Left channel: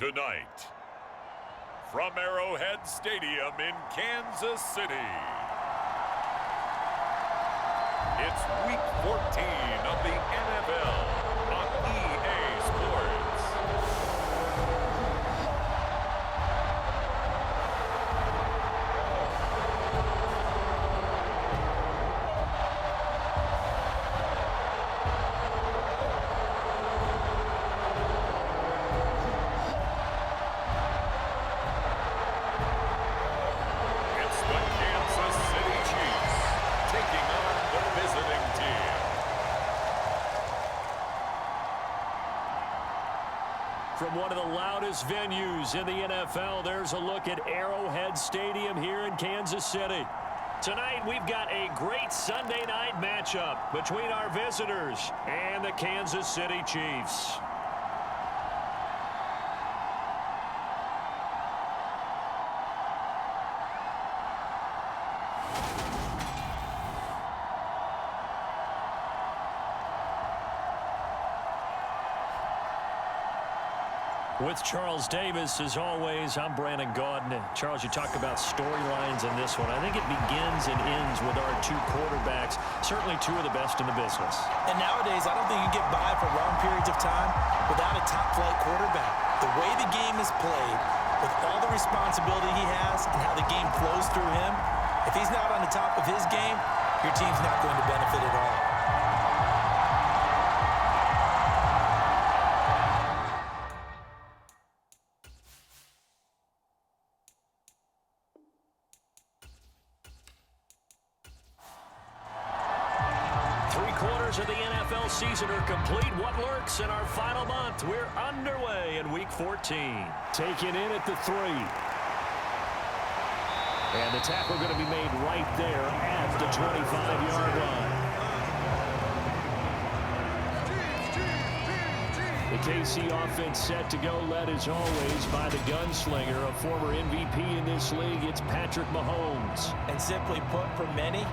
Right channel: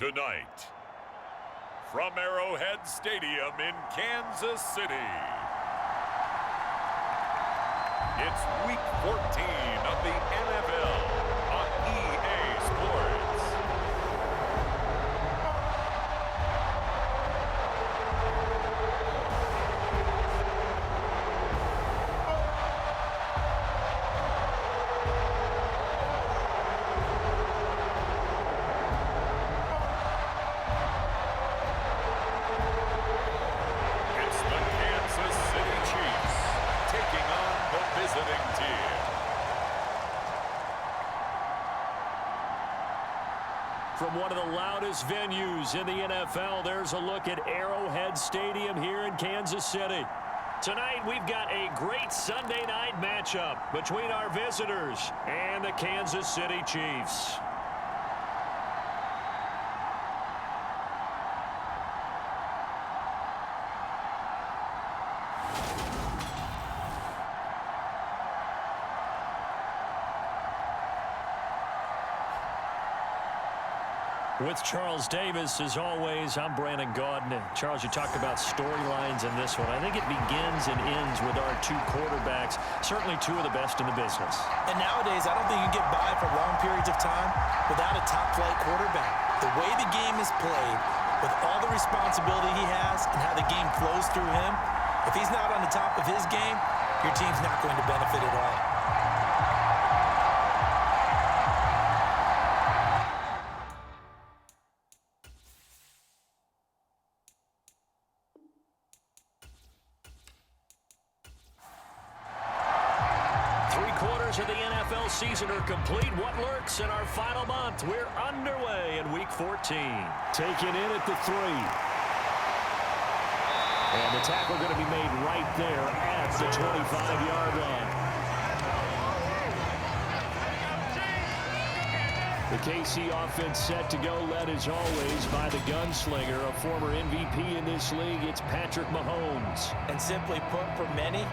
Tonight, from Arrowhead Stadium in Kansas City, it's Week 14 of the NFL on EA Sports. From one of the loudest venues in the NFL, there's a look at Arrowhead Stadium here in Kansas City. Tonight, we've got a great Sunday night matchup between our visitors and the Kansas City Chiefs. With Charles Davis, as always, I'm Brandon Gaudin. Charles, you talk about storylines in this one. I think it begins and ends with our two quarterbacks, certainly two of the best in the business. And nowadays, I don't think you can get by for long periods of time without a top-flight quarterback. The way the game is played, with all the responsibility he has and how the game flows through him, if he's not on the top of his game, your team's not going to benefit at all. 3/4 of the NFL season are complete. What lurks in our final month? We're underway in Week 14. Taken in at the 3. And the tackle going to be made right there at the 25-yard line. The KC offense set to go, led as always by the gunslinger, a former MVP in this league. It's Patrick Mahomes. And simply put, for many,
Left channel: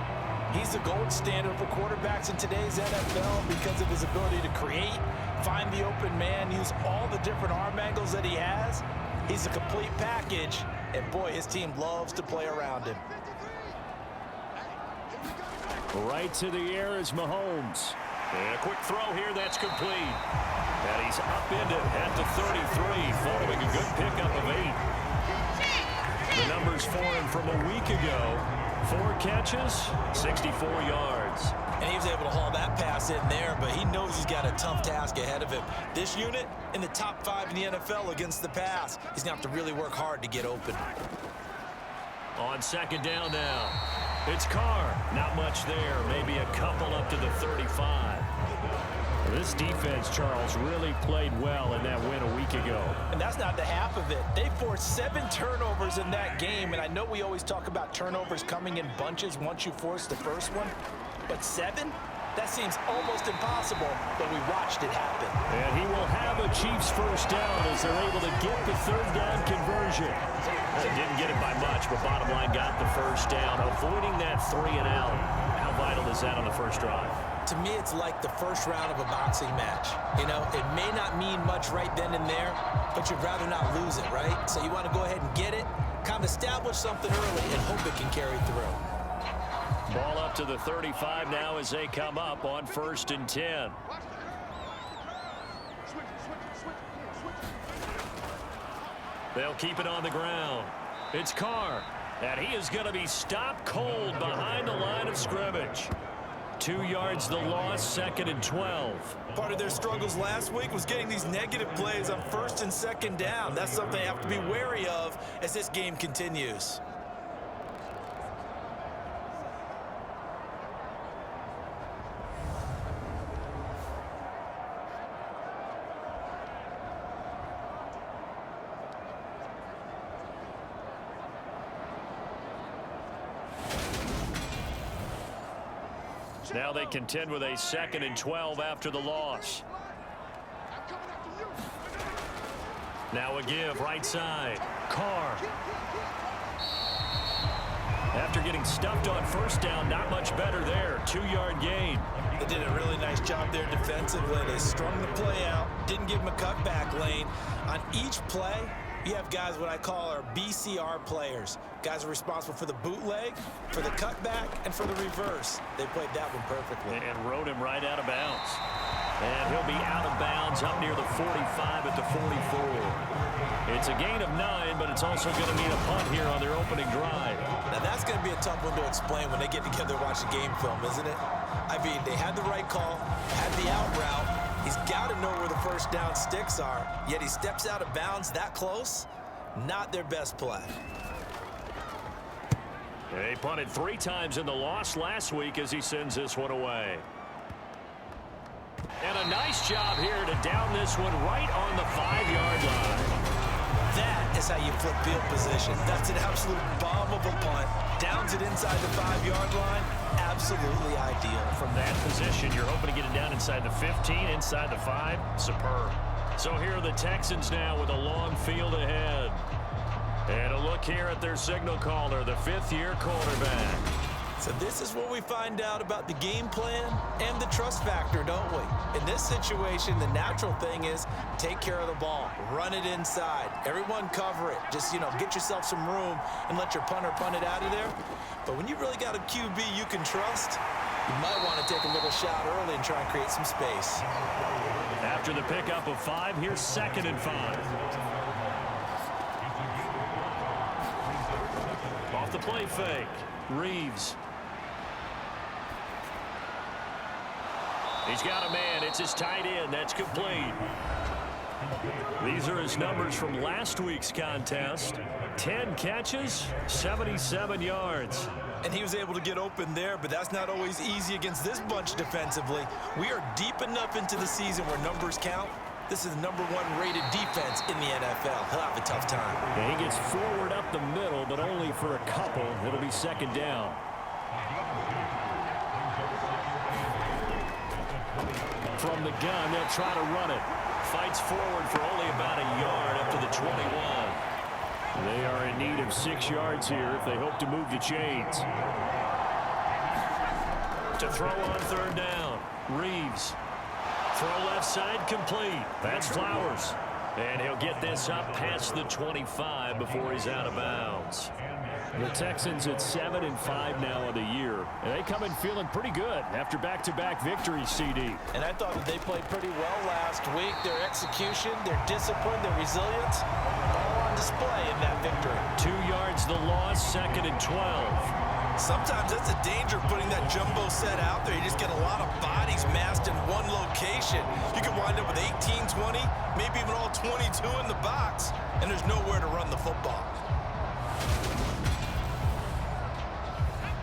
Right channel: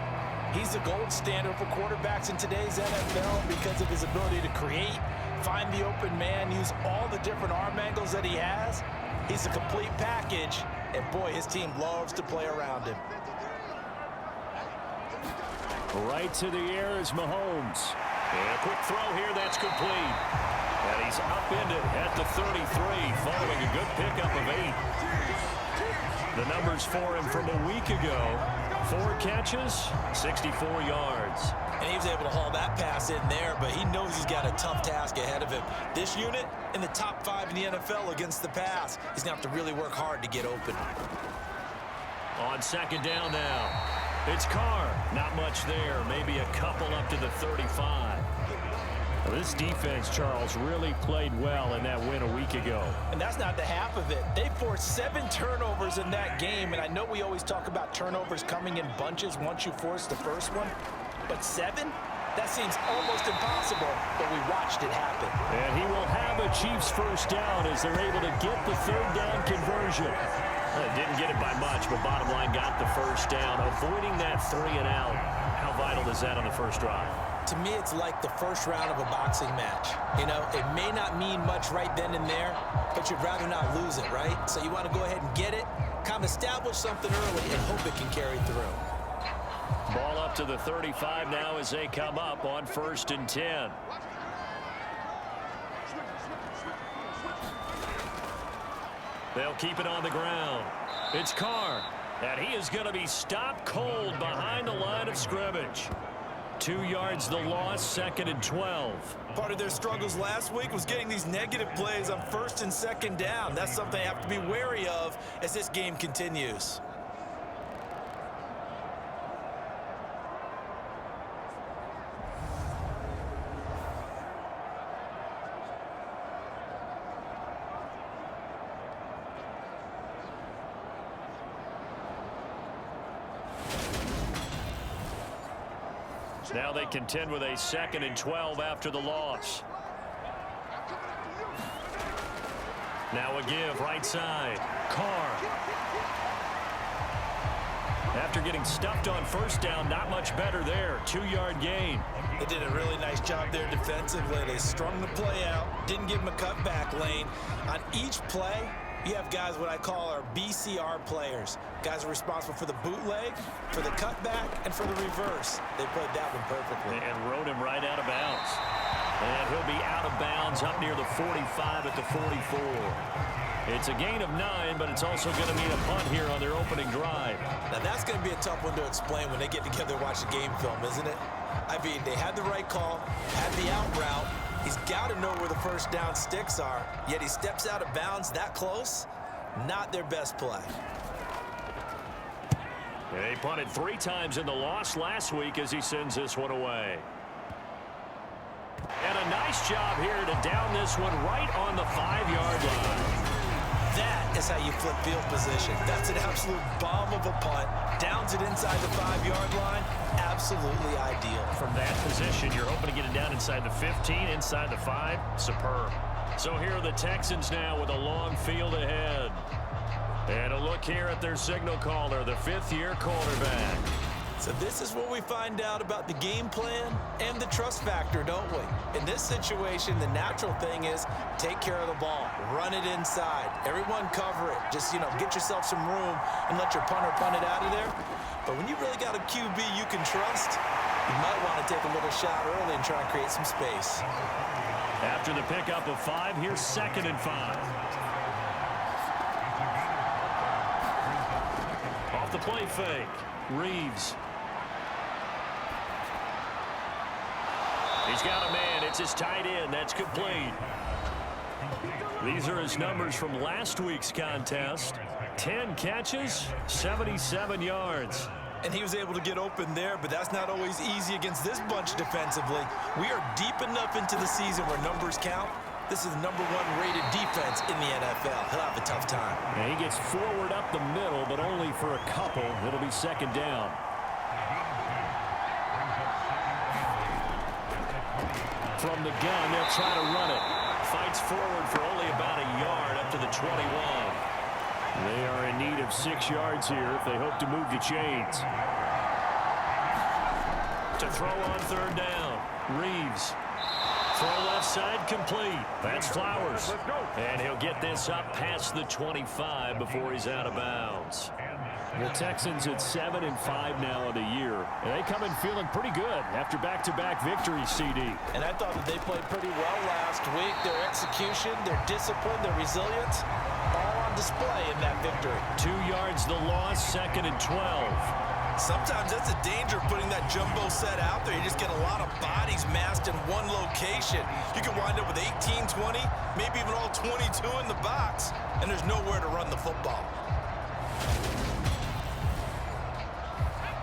he's the gold standard for quarterbacks in today's NFL because of his ability to create, find the open man, use all the different arm angles that he has. He's a complete package, and boy, his team loves to play around him. Right to the air is Mahomes. And a quick throw here, that's complete. And he's upended at the 33, following a good pickup of 8. The numbers for him from a week ago: 4 catches, 64 yards. And he was able to haul that pass in there, but he knows he's got a tough task ahead of him. This unit in the top 5 in the NFL against the pass. He's going to have to really work hard to get open. On second down now, it's Carr. Not much there, maybe a couple up to the 35. Well, this defense, Charles, really played well in that win a week ago. And that's not the half of it. They forced 7 turnovers in that game, and I know we always talk about turnovers coming in bunches once you force the first one, but 7? That seems almost impossible, but we watched it happen. And he will have a Chiefs first down as they're able to get the third down conversion. Didn't get it by much, but bottom line, got the first down. Avoiding that 3 and out. How vital is that on the first drive? To me, it's like the first round of a boxing match. You know, it may not mean much right then and there, but you'd rather not lose it, right? So you want to go ahead and get it, kind of establish something early, and hope it can carry through. Ball up to the 35 now as they come up on 1st and 10. They'll keep it on the ground. It's Carr, and he is going to be stopped cold behind the line of scrimmage. 2 yards the loss, 2nd and 12. Part of their struggles last week was getting these negative plays on 1st and 2nd down. That's something they have to be wary of as this game continues. Now they contend with a 2nd and 12 after the loss. Now a give right side. Carr. After getting stuffed on first down, not much better there. 2-yard gain. They did a really nice job there defensively. They strung the play out, didn't give him a cutback lane. On each play, you have guys what I call our BCR players. Guys are responsible for the bootleg, for the cutback, and for the reverse. They played that one perfectly. And rode him right out of bounds. And he'll be out of bounds up near the 45 at the 44. It's a gain of 9, but it's also going to mean a punt here on their opening drive. Now, that's going to be a tough one to explain when they get together and watch the game film, isn't it? I mean, they had the right call, had the out route. He's got to know where the first down sticks are, yet he steps out of bounds that close. Not their best play. They punted 3 times in the loss last week as he sends this one away. And a nice job here to down this one right on the 5-yard line. That is how you flip field position. That's an absolute bomb of a punt. Downs it inside the 5-yard line. Absolutely ideal. From that position, you're hoping to get it down inside the 15, inside the 5. Superb. So here are the Texans now with a long field ahead. And a look here at their signal caller, the 5th-year quarterback. So this is where we find out about the game plan and the trust factor, don't we? In this situation, the natural thing is take care of the ball. Run it inside. Everyone cover it. Just, get yourself some room and let your punter punt it out of there. But when you really got a QB you can trust, you might want to take a little shot early and try and create some space. After the pickup of 5, here's 2nd and 5. Off the play fake, Reeves. He's got a man. It's his tight end. That's complete. These are his numbers from last week's contest. 10 catches, 77 yards. And he was able to get open there, but that's not always easy against this bunch defensively. We are deep enough into the season where numbers count. This is the #1 rated defense in the NFL. He'll have a tough time. And he gets forward up the middle, but only for a couple. It'll be 2nd down. From the gun, they'll try to run it. Fights forward for only about a yard up to the 21. They are in need of 6 yards here if they hope to move the chains. To throw on 3rd down, Reeves. Throw left side complete. That's Flowers. And he'll get this up past the 25 before he's out of bounds. The Texans at 7-5 now of the year. And they come in feeling pretty good after back-to-back victories, CD. And I thought that they played pretty well last week. Their execution, their discipline, their resilience, all on display in that victory. 2 yards the loss, 2nd and 12. Sometimes that's the danger of putting that jumbo set out there. You just get a lot of bodies massed in one location. You can wind up with 18, 20, maybe even all 22 in the box, and there's nowhere to run the football.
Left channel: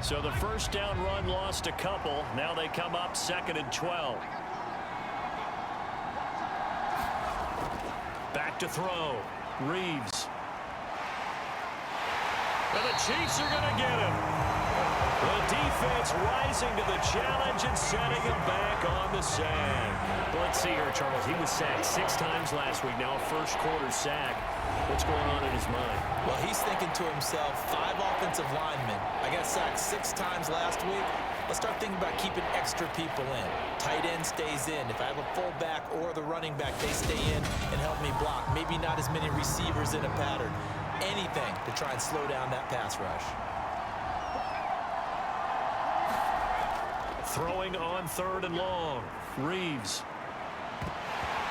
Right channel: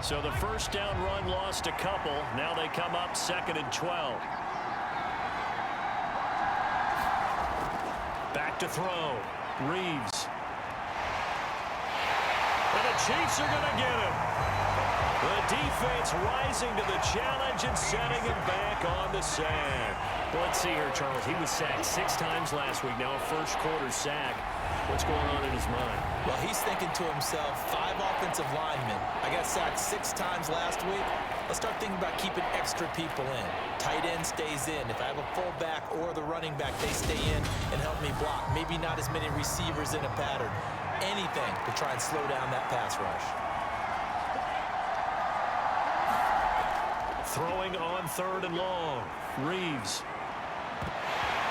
So the first down run lost a couple. Now they come up 2nd and 12. Back to throw. Reeves. And the Chiefs are going to get him. The defense rising to the challenge and setting him back on the sack. Let's see here, Charles. He was sacked 6 times last week. Now a first-quarter sack. What's going on in his mind? Well, he's thinking to himself, 5 offensive linemen. I got sacked 6 times last week. Let's start thinking about keeping extra people in. Tight end stays in. If I have a fullback or the running back, they stay in and help me block. Maybe not as many receivers in a pattern. Anything to try and slow down that pass rush. Throwing on 3rd and long. Reeves.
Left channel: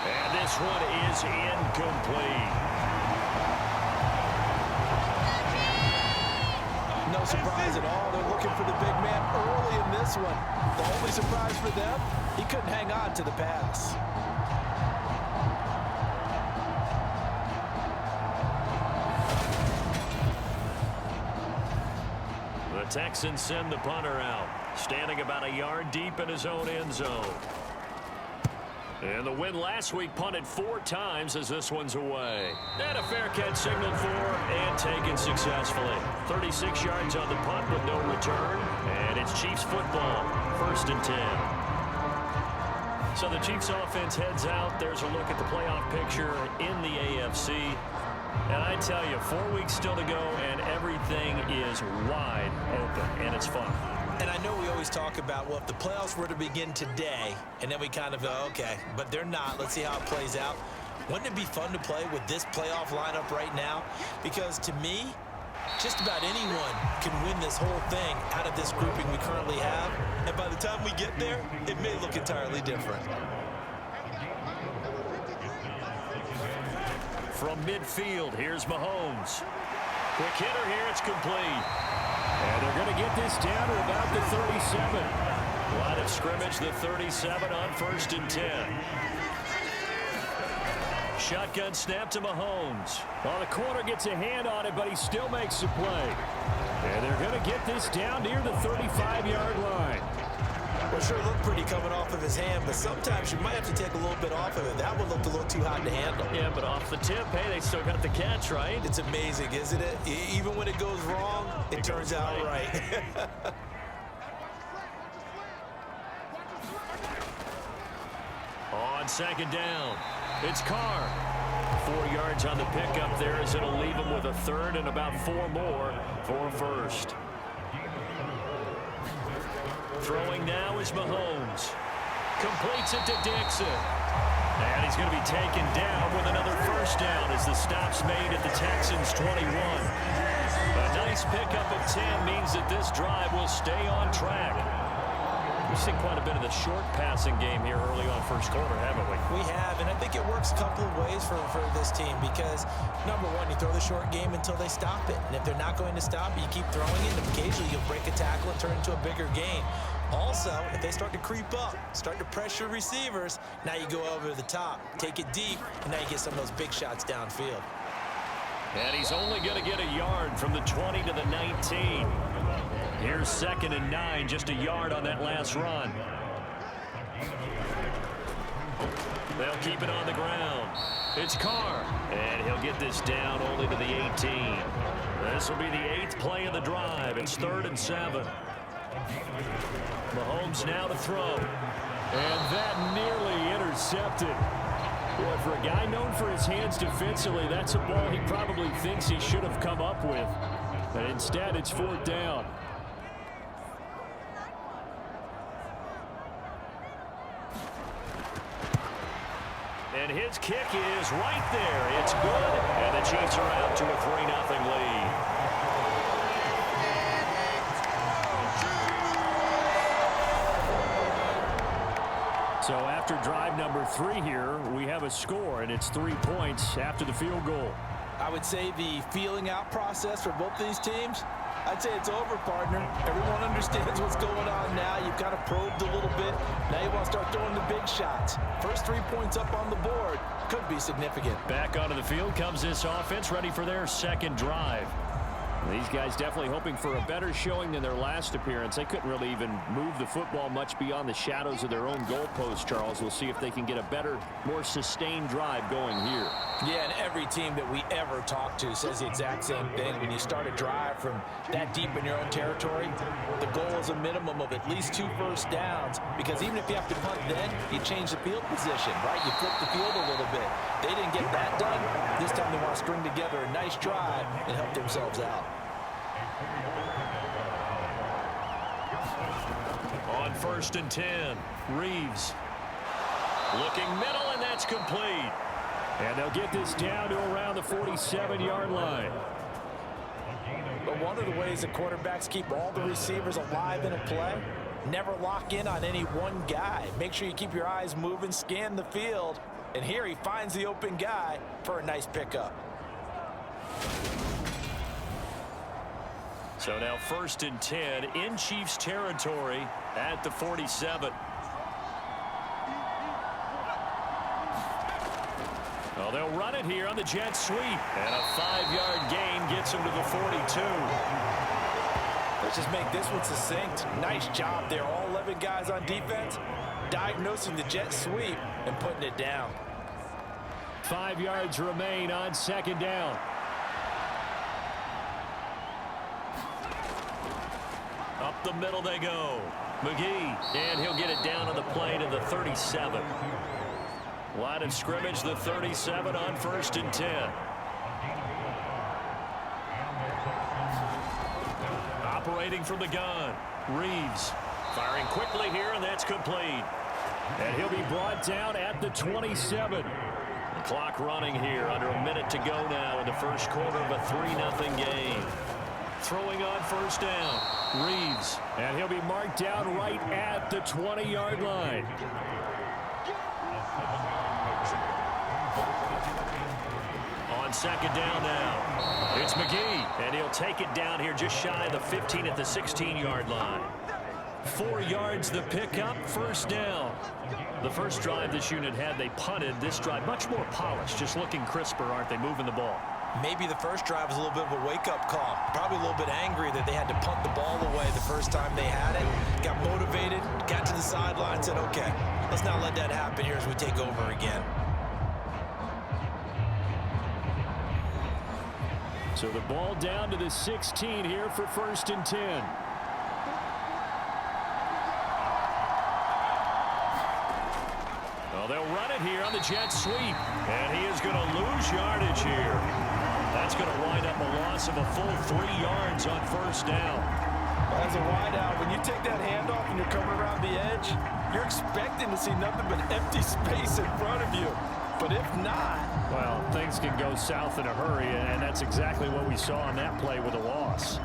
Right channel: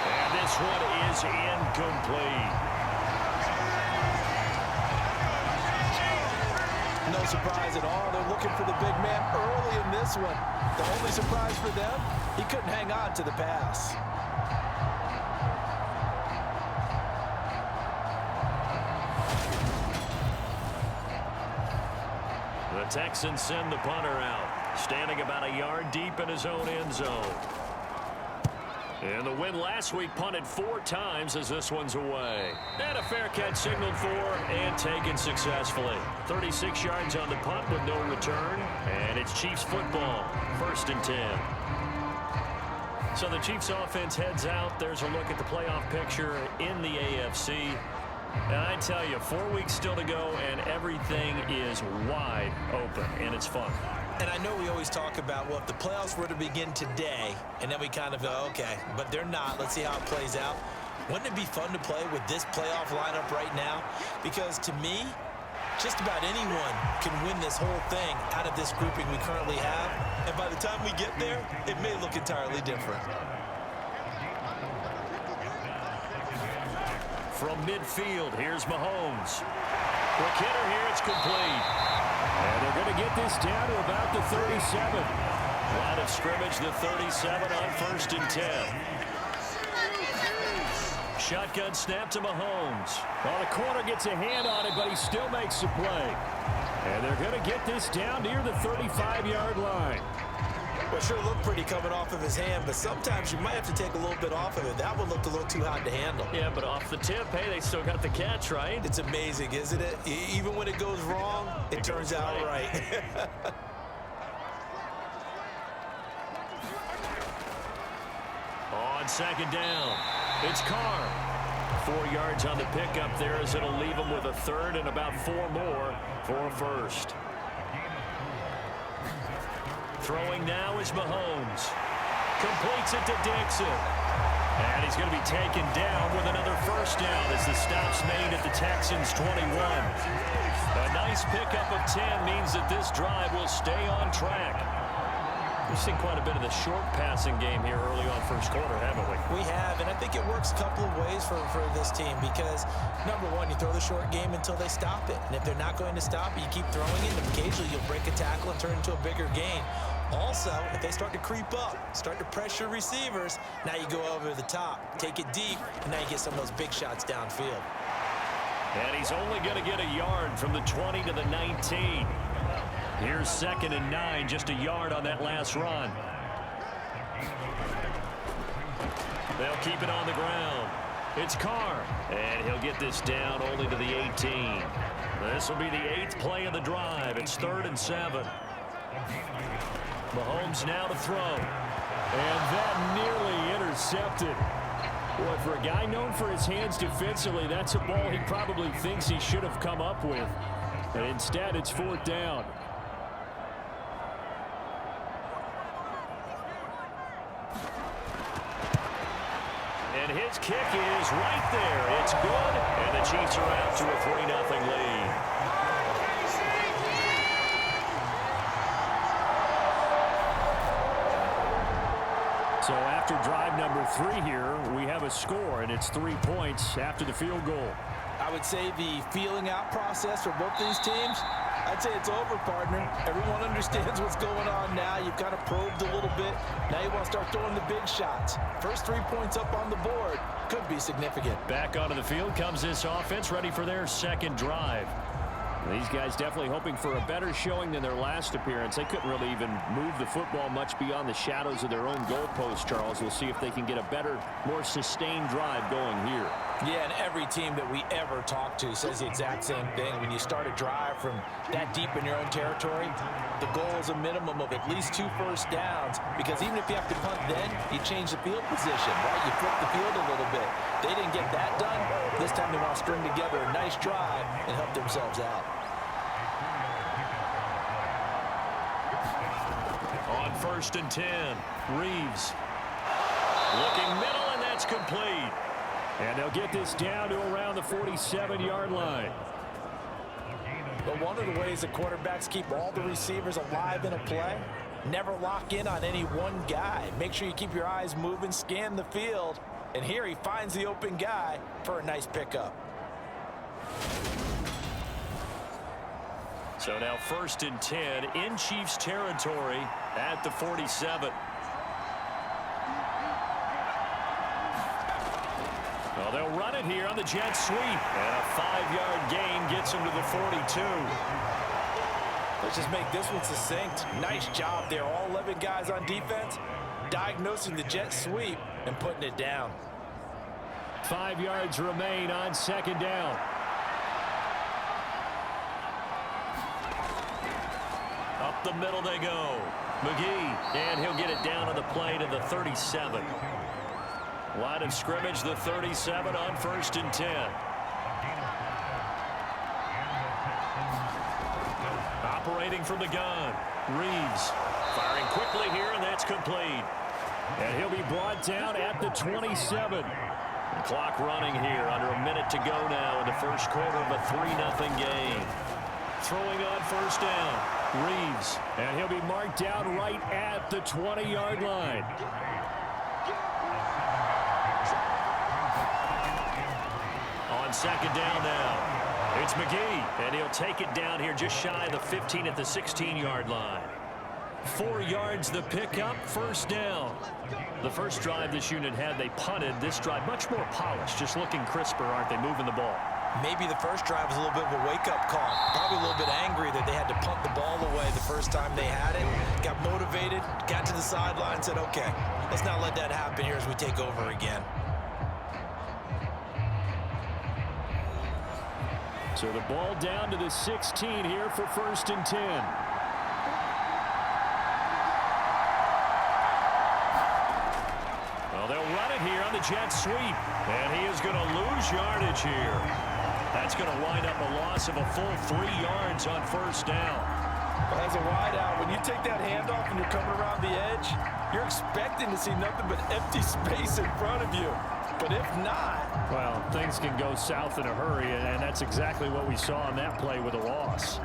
And this one is incomplete. No surprise at all. They're looking for the big man early in this one. The only surprise for them, he couldn't hang on to the pass. The Texans send the punter out, standing about a yard deep in his own end zone. And the win last week punted 4 times as this one's away. And a fair catch signaled for and taken successfully. 36 yards on the punt with no return. And it's Chiefs football, 1st and 10. So the Chiefs offense heads out. There's a look at the playoff picture in the AFC. And I tell you, 4 weeks still to go, and everything is wide open, and it's fun. And I know we always talk about, well, if the playoffs were to begin today, and then we kind of go, okay, but they're not. Let's see how it plays out. Wouldn't it be fun to play with this playoff lineup right now? Because to me, just about anyone can win this whole thing out of this grouping we currently have. And by the time we get there, it may look entirely different. From midfield, here's Mahomes. Quick hitter here, it's complete. And they're going to get this down to about the 37. Line of scrimmage, the 37 on 1st and 10. Shotgun snap to Mahomes. Well, the corner gets a hand on it, but he still makes the play. And they're going to get this down near the 35-yard line. Well, sure looked pretty coming off of his hand, but sometimes you might have to take a little bit off of it. That one looked a little too hard to handle. Yeah, but off the tip, hey, they still got the catch, right? It's amazing, isn't it? Even when it goes wrong, it turns out right. On 2nd down, it's Carr. 4 yards on the pickup there as it'll leave him with a 3rd and about 4 more for a 1st. Throwing now is Mahomes. Completes it to Dixon. And he's going to be taken down with another 1st down as the stop's made at the Texans' 21. A nice pickup of 10 means that this drive will stay on track. We've seen quite a bit of the short passing game here early on 1st quarter, haven't we? We have, and I think it works a couple of ways for this team because, number one, you throw the short game until they stop it. And if they're not going to stop it, you keep throwing it, and occasionally you'll break a tackle and turn it into a bigger gain. Also, if they start to creep up, start to pressure receivers, now you go over the top, take it deep, and now you get some of those big shots downfield. And he's only going to get a yard from the 20 to the 19. Here's 2nd and 9, just a yard on that last run. They'll keep it on the ground. It's Carr, and he'll get this down only to the 18. This will be the 8th play of the drive. It's 3rd and 7. Mahomes now to throw. And that nearly intercepted. Boy, for a guy known for his hands defensively, that's a ball he probably thinks he should have come up with. But instead, it's 4th down. And his kick is right there. It's good, and the Chiefs are out to a 3-0 lead. So after drive number 3 here, we have a score, and it's 3 points after the field goal. I would say the feeling out process for both these teams, I'd say it's over, partner. Everyone understands what's going on now. You've kind of probed a little bit. Now you want to start throwing the big shots. First 3 points up on the board could be significant. Back onto the field comes this offense, ready for their 2nd drive. These guys definitely hoping for a better showing than their last appearance. They couldn't really even move the football much beyond the shadows of their own goalpost, Charles. We'll see if they can get a better, more sustained drive going here. Yeah, and every team that we ever talk to says the exact same thing. When you start a drive from that deep in your own territory, the goal is a minimum of at least 2 first downs, because even if you have to punt then, you change the field position, right? You flip the field a little bit. They didn't get that done. This time they want to string together a nice drive and help themselves out. On 1st and 10, Reeves. Looking middle, and that's complete. And they'll get this down to around the 47-yard line. But one of the ways that quarterbacks keep all the receivers alive in a play, never lock in on any one guy. Make sure you keep your eyes moving, scan the field, and here he finds the open guy for a nice pickup. So now 1st and 10 in Chiefs territory at the 47. Well, they'll run it here on the jet sweep. And a 5-yard gain gets them to the 42. Let's just make this one succinct. Nice job there. All 11 guys on defense diagnosing the jet sweep and putting it down. 5 yards remain on 2nd down. Up the middle they go. McGee, and he'll get it down on the play to the 37. Line of scrimmage, the 37 on 1st and 10. Operating from the gun. Reeves firing quickly here, and that's complete. And he'll be brought down at the 27. The clock running here. Under a minute to go now in the first quarter of a 3-0 game. Throwing on first down. Reeves. And he'll be marked down right at the 20-yard line. On second down now, it's McGee, and he'll take it down here just shy of the 15 at the 16-yard line. 4 yards the pickup, first down. The first drive this unit had, they punted. This drive, much more polished, just looking crisper, aren't they, moving the ball? Maybe the first drive was a little bit of a wake-up call. Probably a little bit angry that they had to punt the ball away the first time they had it. Got motivated, got to the sideline, said, okay, let's not let that happen here as we take over again. So the ball down to the 16 here for 1st and 10. Well, they'll run it here on the jet sweep. And he is going to lose yardage here. That's going to wind up a loss of a full 3 yards on first down. Well, as a wideout, when you take that handoff and you're coming around the edge, you're expecting to see nothing but empty space in front of you. But if not, well, things can go south in a hurry, and that's exactly what we saw on that play with a loss.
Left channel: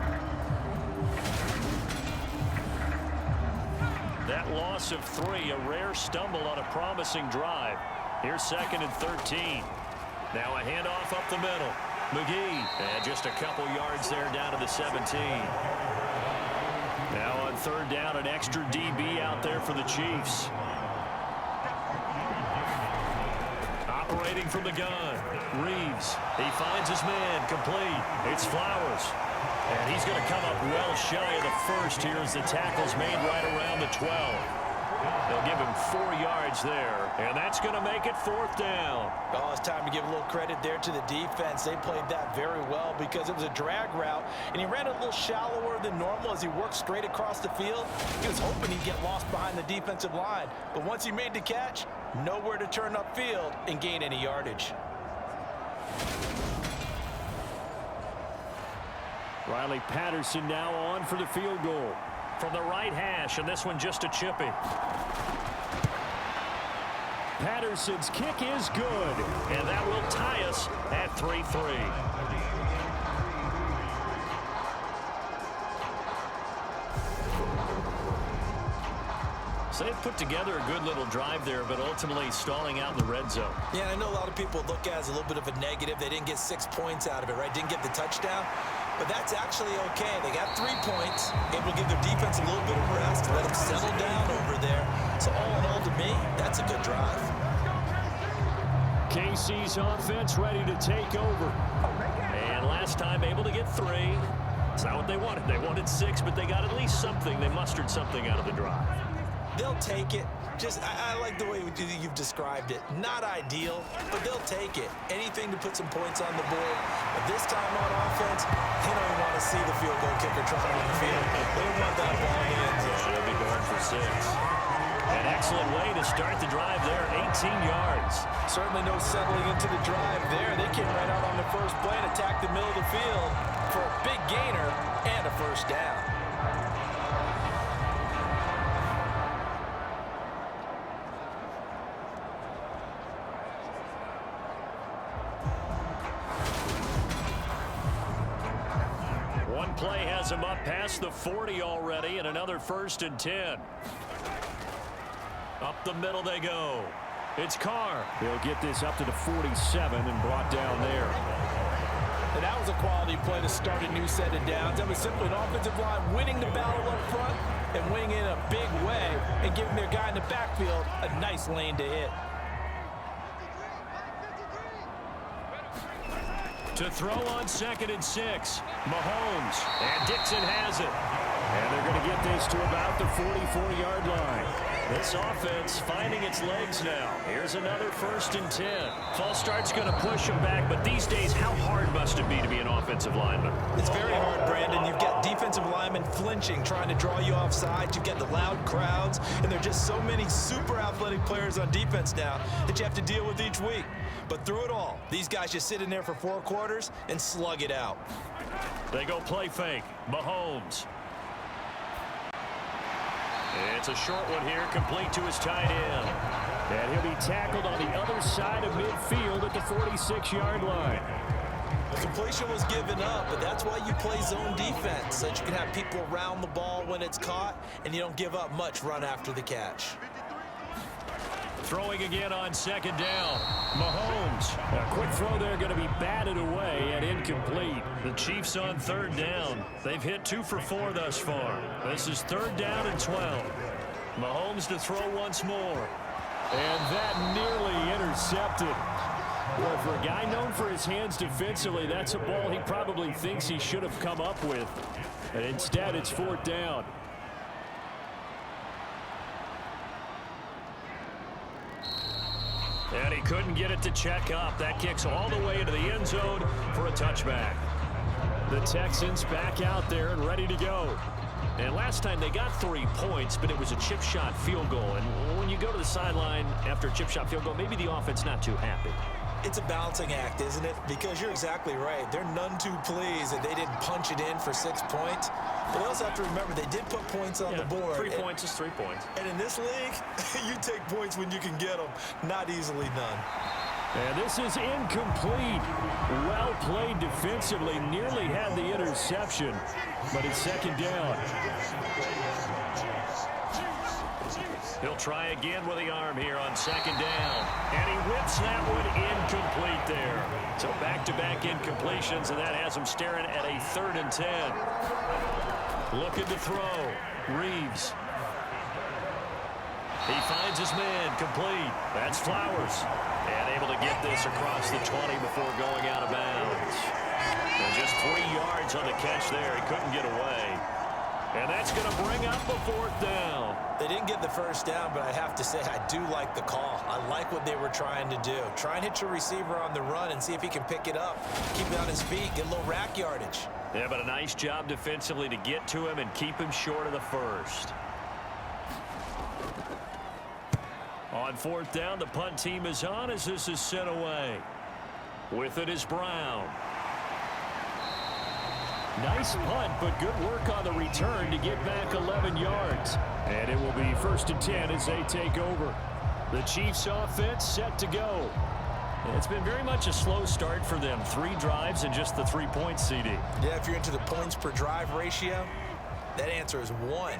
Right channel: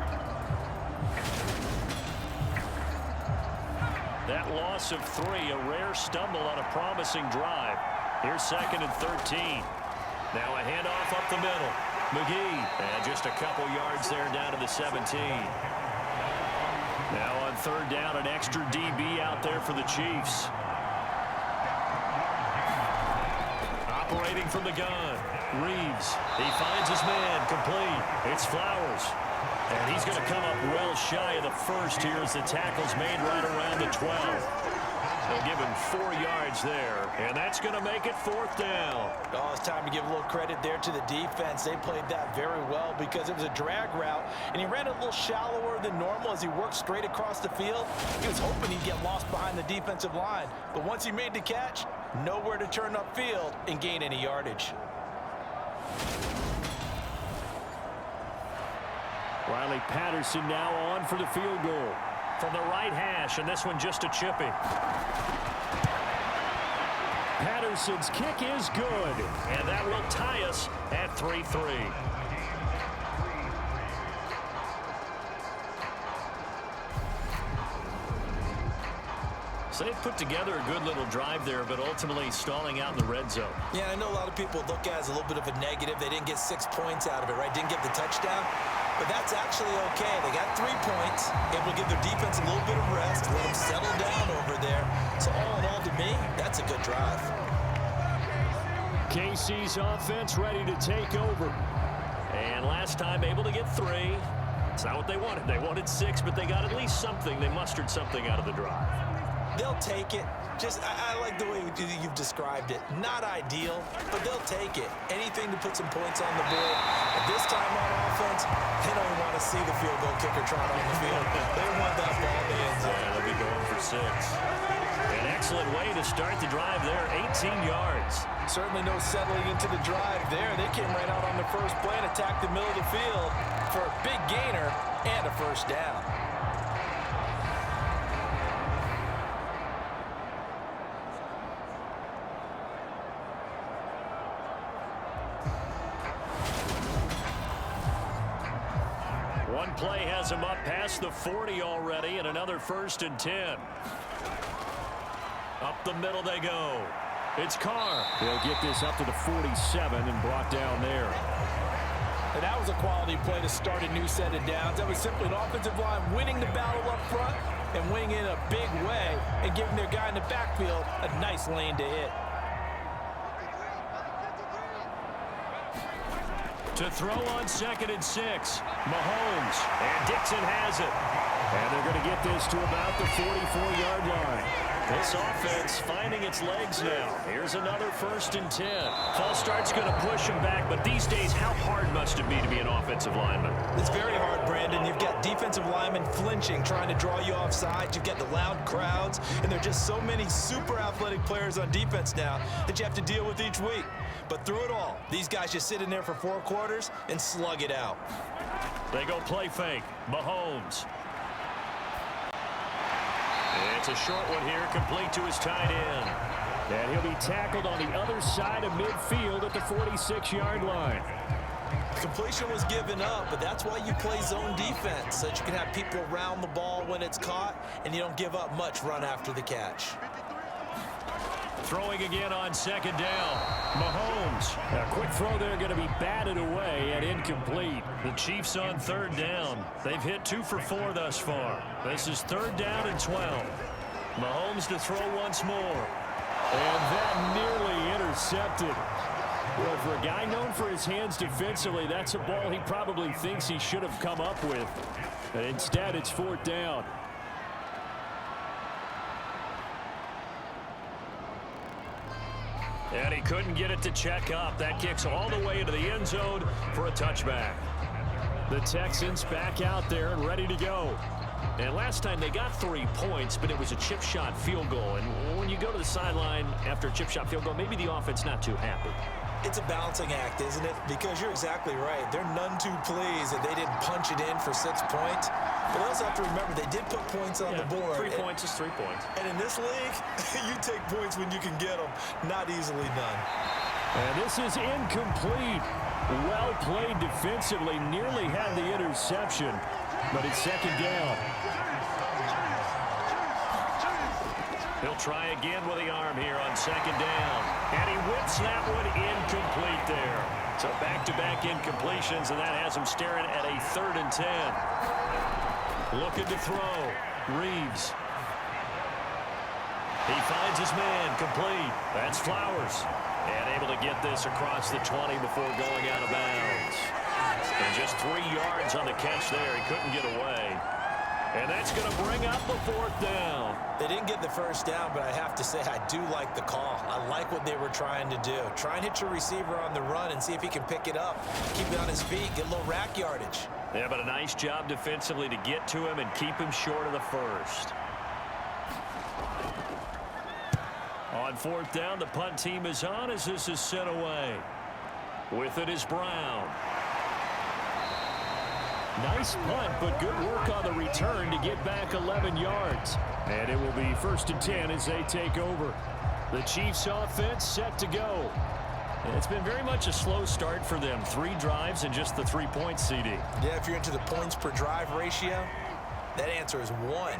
That loss of 3, a rare stumble on a promising drive. Here's 2nd and 13. Now a handoff up the middle. McGee, and just a couple yards there down to the 17. Now on 3rd down, an extra DB out there for the Chiefs. Operating from the gun. Reeves. He finds his man. Complete. It's Flowers. And he's going to come up well shy of the first here as the tackle's made right around the 12. They'll give him 4 yards there. And that's going to make it 4th down. Oh, it's time to give a little credit there to the defense. They played that very well because it was a drag route, and he ran a little shallower than normal as he worked straight across the field. He was hoping he'd get lost behind the defensive line. But once he made the catch, nowhere to turn upfield and gain any yardage. Riley Patterson now on for the field goal. From the right hash, and this one just a chippy. Patterson's kick is good. And that will tie us at 3-3. So they've put together a good little drive there, but ultimately stalling out in the red zone. Yeah, I know a lot of people look at it as a little bit of a negative. They didn't get 6 points out of it, right? Didn't get the touchdown. But that's actually okay. They got 3 points, able to give their defense a little bit of rest, let them settle down over there. So all in all, to me, that's a good drive. KC's offense ready to take over. And last time able to get 3. It's not what they wanted. They wanted 6, but they got at least something. They mustered something out of the drive. They'll take it. Just, I like the way you've described it. Not ideal, but they'll take it. Anything to put some points on the board. But this time on offense, they don't even want to see the field goal kicker trot on the field. They want that ball in the end zone. Yeah, they'll be going for 6. An excellent way to start the drive there, 18 yards. Certainly no settling into the drive there. They came right out on the first play and attacked the middle of the field for a big gainer and a first down. One play has him up past the 40 already, and another 1st and 10. Up the middle they go. It's Carr. He'll get this up to the 47 and brought down there. And that was a quality play to start a new set of downs. That was simply an offensive line winning the battle up front and winning in a big way and giving their guy in the backfield a nice lane to hit. To throw on 2nd and 6. Mahomes. And Dixon has it. And they're going to get this to about the 44-yard line. This offense finding its legs now. Here's another 1st and 10. False start's going to push him back, but these days, how hard must it be to be an offensive lineman? It's very hard, Brandon. You've got defensive linemen flinching, trying to draw you off sides. You've got the loud crowds, and there are just so many super athletic players on defense now that you have to deal with each week. But through it all, these guys just sit in there for 4 quarters and slug it out. They go play fake. Mahomes. It's a short one here, complete to his tight end. And he'll be tackled on the other side of midfield at the 46-yard line. The completion was given up, but that's why you play zone defense, so that you can have people around the ball when it's caught, and you don't give up much run after the catch. Throwing again on second down. Mahomes. A quick throw there going to be batted away and incomplete. The Chiefs on third down. They've hit 2 for 4 thus far. This is third down and 12. Mahomes to throw once more. And that nearly intercepted. Boy, for a guy known for his hands defensively, that's a ball he probably thinks he should have come up with. And instead, it's fourth down. And he couldn't get it to check up. That kicks all the way into the end zone for a touchback. The Texans back out there and ready to go. And last time they got 3 points, but it was a chip shot field goal. And when you go to the sideline after a chip shot field goal, maybe the offense not too happy. It's a balancing act, isn't it? Because you're exactly right. They're none too pleased that they didn't punch it in for 6 points. But they also have to remember they did put points on the board. 3 points is 3 points. And in this league, you take points when you can get them. Not easily done. And this is incomplete. Well played defensively. Nearly had the interception, but it's second down. He'll try again with the arm here on second down. And he whips that one incomplete there. So back-to-back incompletions, and that has him staring at a 3rd and 10. Looking to throw. Reeves. He finds his man, complete. That's Flowers. And able to get this across the 20 before going out of bounds. And just 3 yards on the catch there. He couldn't get away. And that's going to bring up a 4th down. They didn't get the first down, but I have to say I do like the call. I like what they were trying to do. Try and hit your receiver on the run and see if he can pick it up. Keep it on his feet, get a little rack yardage. Yeah, but a nice job defensively to get to him and keep him short of the first. On 4th down, the punt team is on as this is sent away. With it is Brown. Nice punt, but good work on the return to get back 11 yards. And it will be 1st and 10 as they take over. The Chiefs offense set to go. It's been very much a slow start for them. 3 drives and just the 3 points, CD. Yeah, if you're into the points per drive ratio, that answer is 1.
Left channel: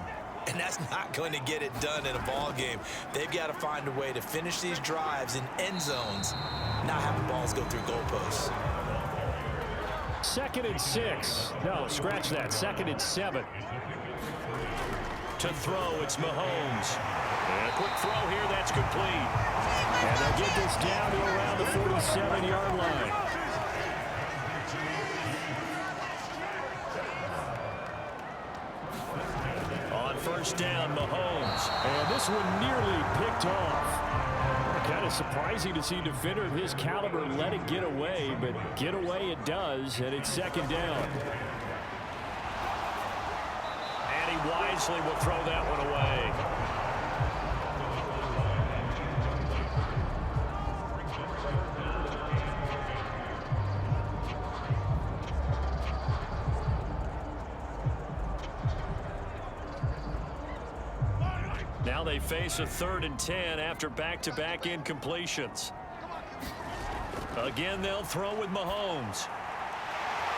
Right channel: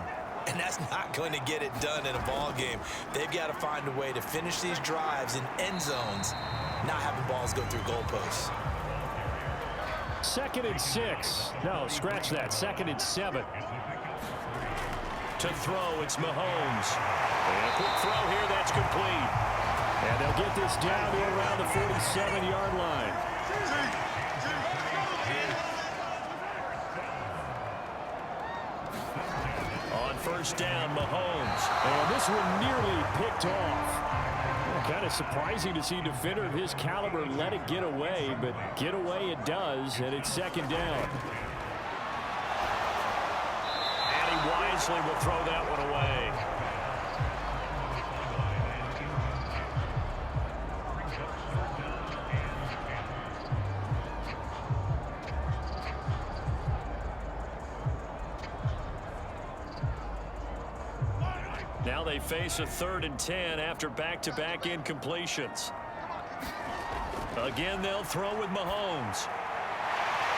And that's not going to get it done in a ball game. They've got to find a way to finish these drives in end zones, not have the balls go through goalposts. 2nd and 6. No, scratch that. 2nd and 7. To throw, it's Mahomes. And a quick throw here, that's complete. And they'll get this down to around the 47-yard line. On 1st down, Mahomes. And this one nearly picked off. Kind of surprising to see a defender of his caliber let it get away, but get away it does, and it's 2nd down. And he wisely will throw that one away. Now they face a 3rd and 10 after back-to-back incompletions. Again, they'll throw with Mahomes.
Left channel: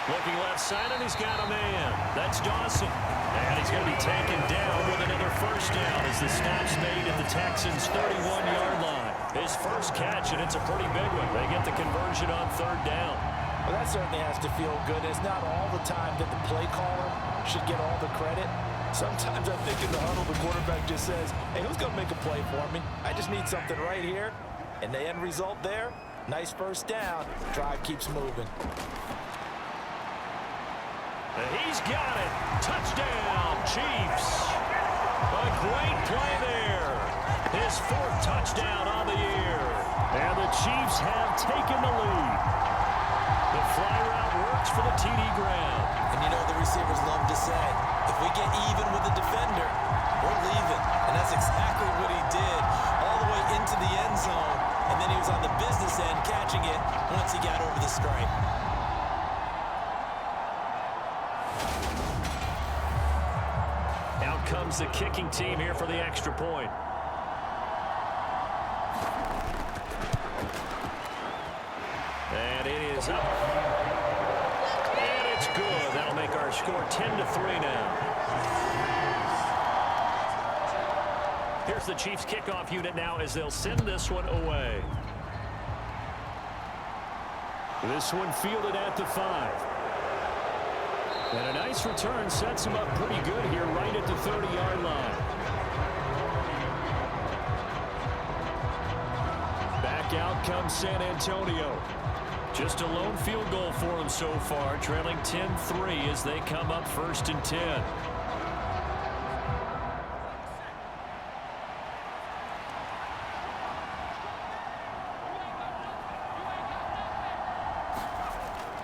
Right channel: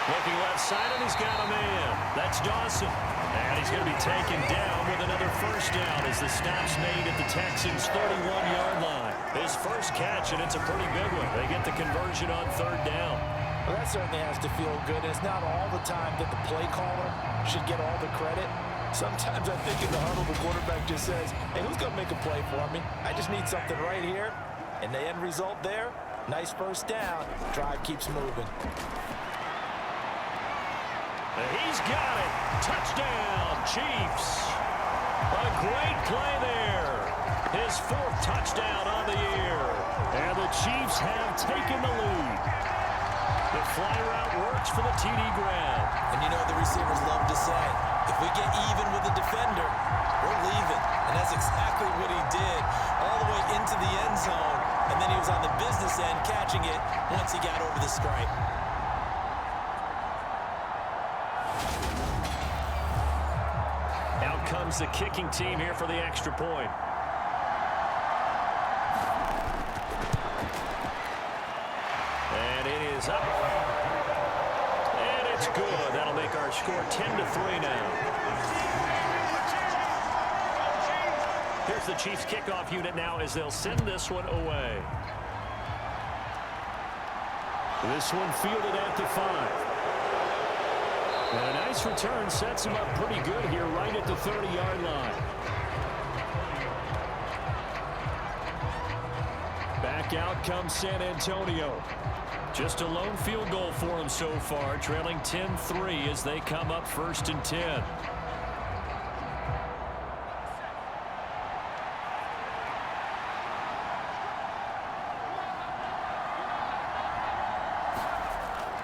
Looking left side, and he's got a man. That's Dawson. And he's going to be taken down with another 1st down as the stop's made at the Texans' 31-yard line. His first catch, and it's a pretty big one. They get the conversion on 3rd down. Well, that certainly has to feel good. It's not all the time that the play caller should get all the credit. Sometimes I think in the huddle, the quarterback just says, hey, who's going to make a play for me? I just need something right here. And the end result there, nice 1st down. Drive keeps moving. He's got it. Touchdown, Chiefs. A great play there. His 4th touchdown on the year. And the Chiefs have taken the lead. The fly route works for the TD Graham. And you know the receivers love to say, if we get even with the defender, we're leaving. And that's exactly what he did all the way into the end zone. And then he was on the business end catching it once he got over the stripe. Out comes the kicking team here for the extra point. And it is up. And it's good. That'll make our score 10-3 now. Here's the Chiefs kickoff unit now as they'll send this one away. This one fielded at the 5. And a nice return sets him up pretty good here right at the 30-yard line. Back out comes San Antonio. Just a lone field goal for them so far, trailing 10-3 as they come up 1st and 10.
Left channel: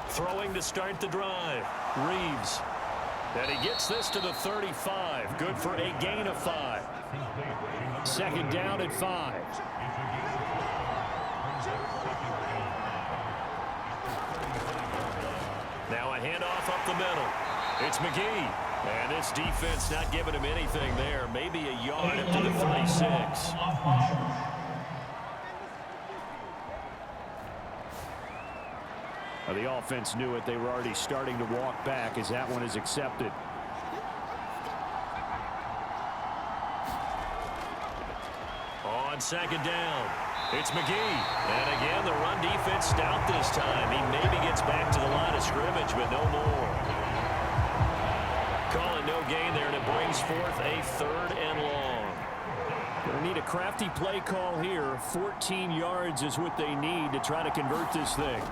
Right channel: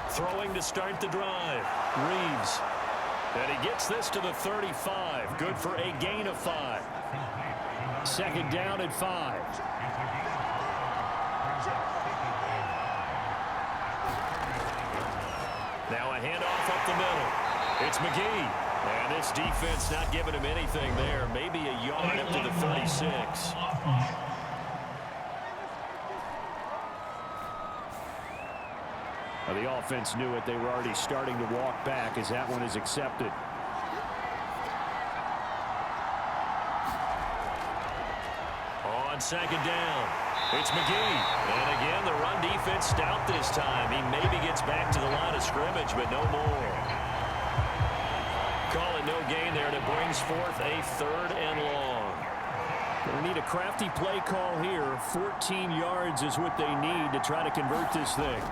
Throwing to start the drive. Reeves. And he gets this to the 35. Good for a gain of 5. 2nd down at 5. Now a handoff up the middle. It's McGee. And this defense not giving him anything there. Maybe a yard up to the 36. The offense knew it. They were already starting to walk back as that one is accepted. On 2nd down, it's McGee. And again, the run defense stout this time. He maybe gets back to the line of scrimmage, but no more. Call it no gain there, and it brings forth a 3rd and long. Going to need a crafty play call here. 14 yards is what they need to try to convert this thing.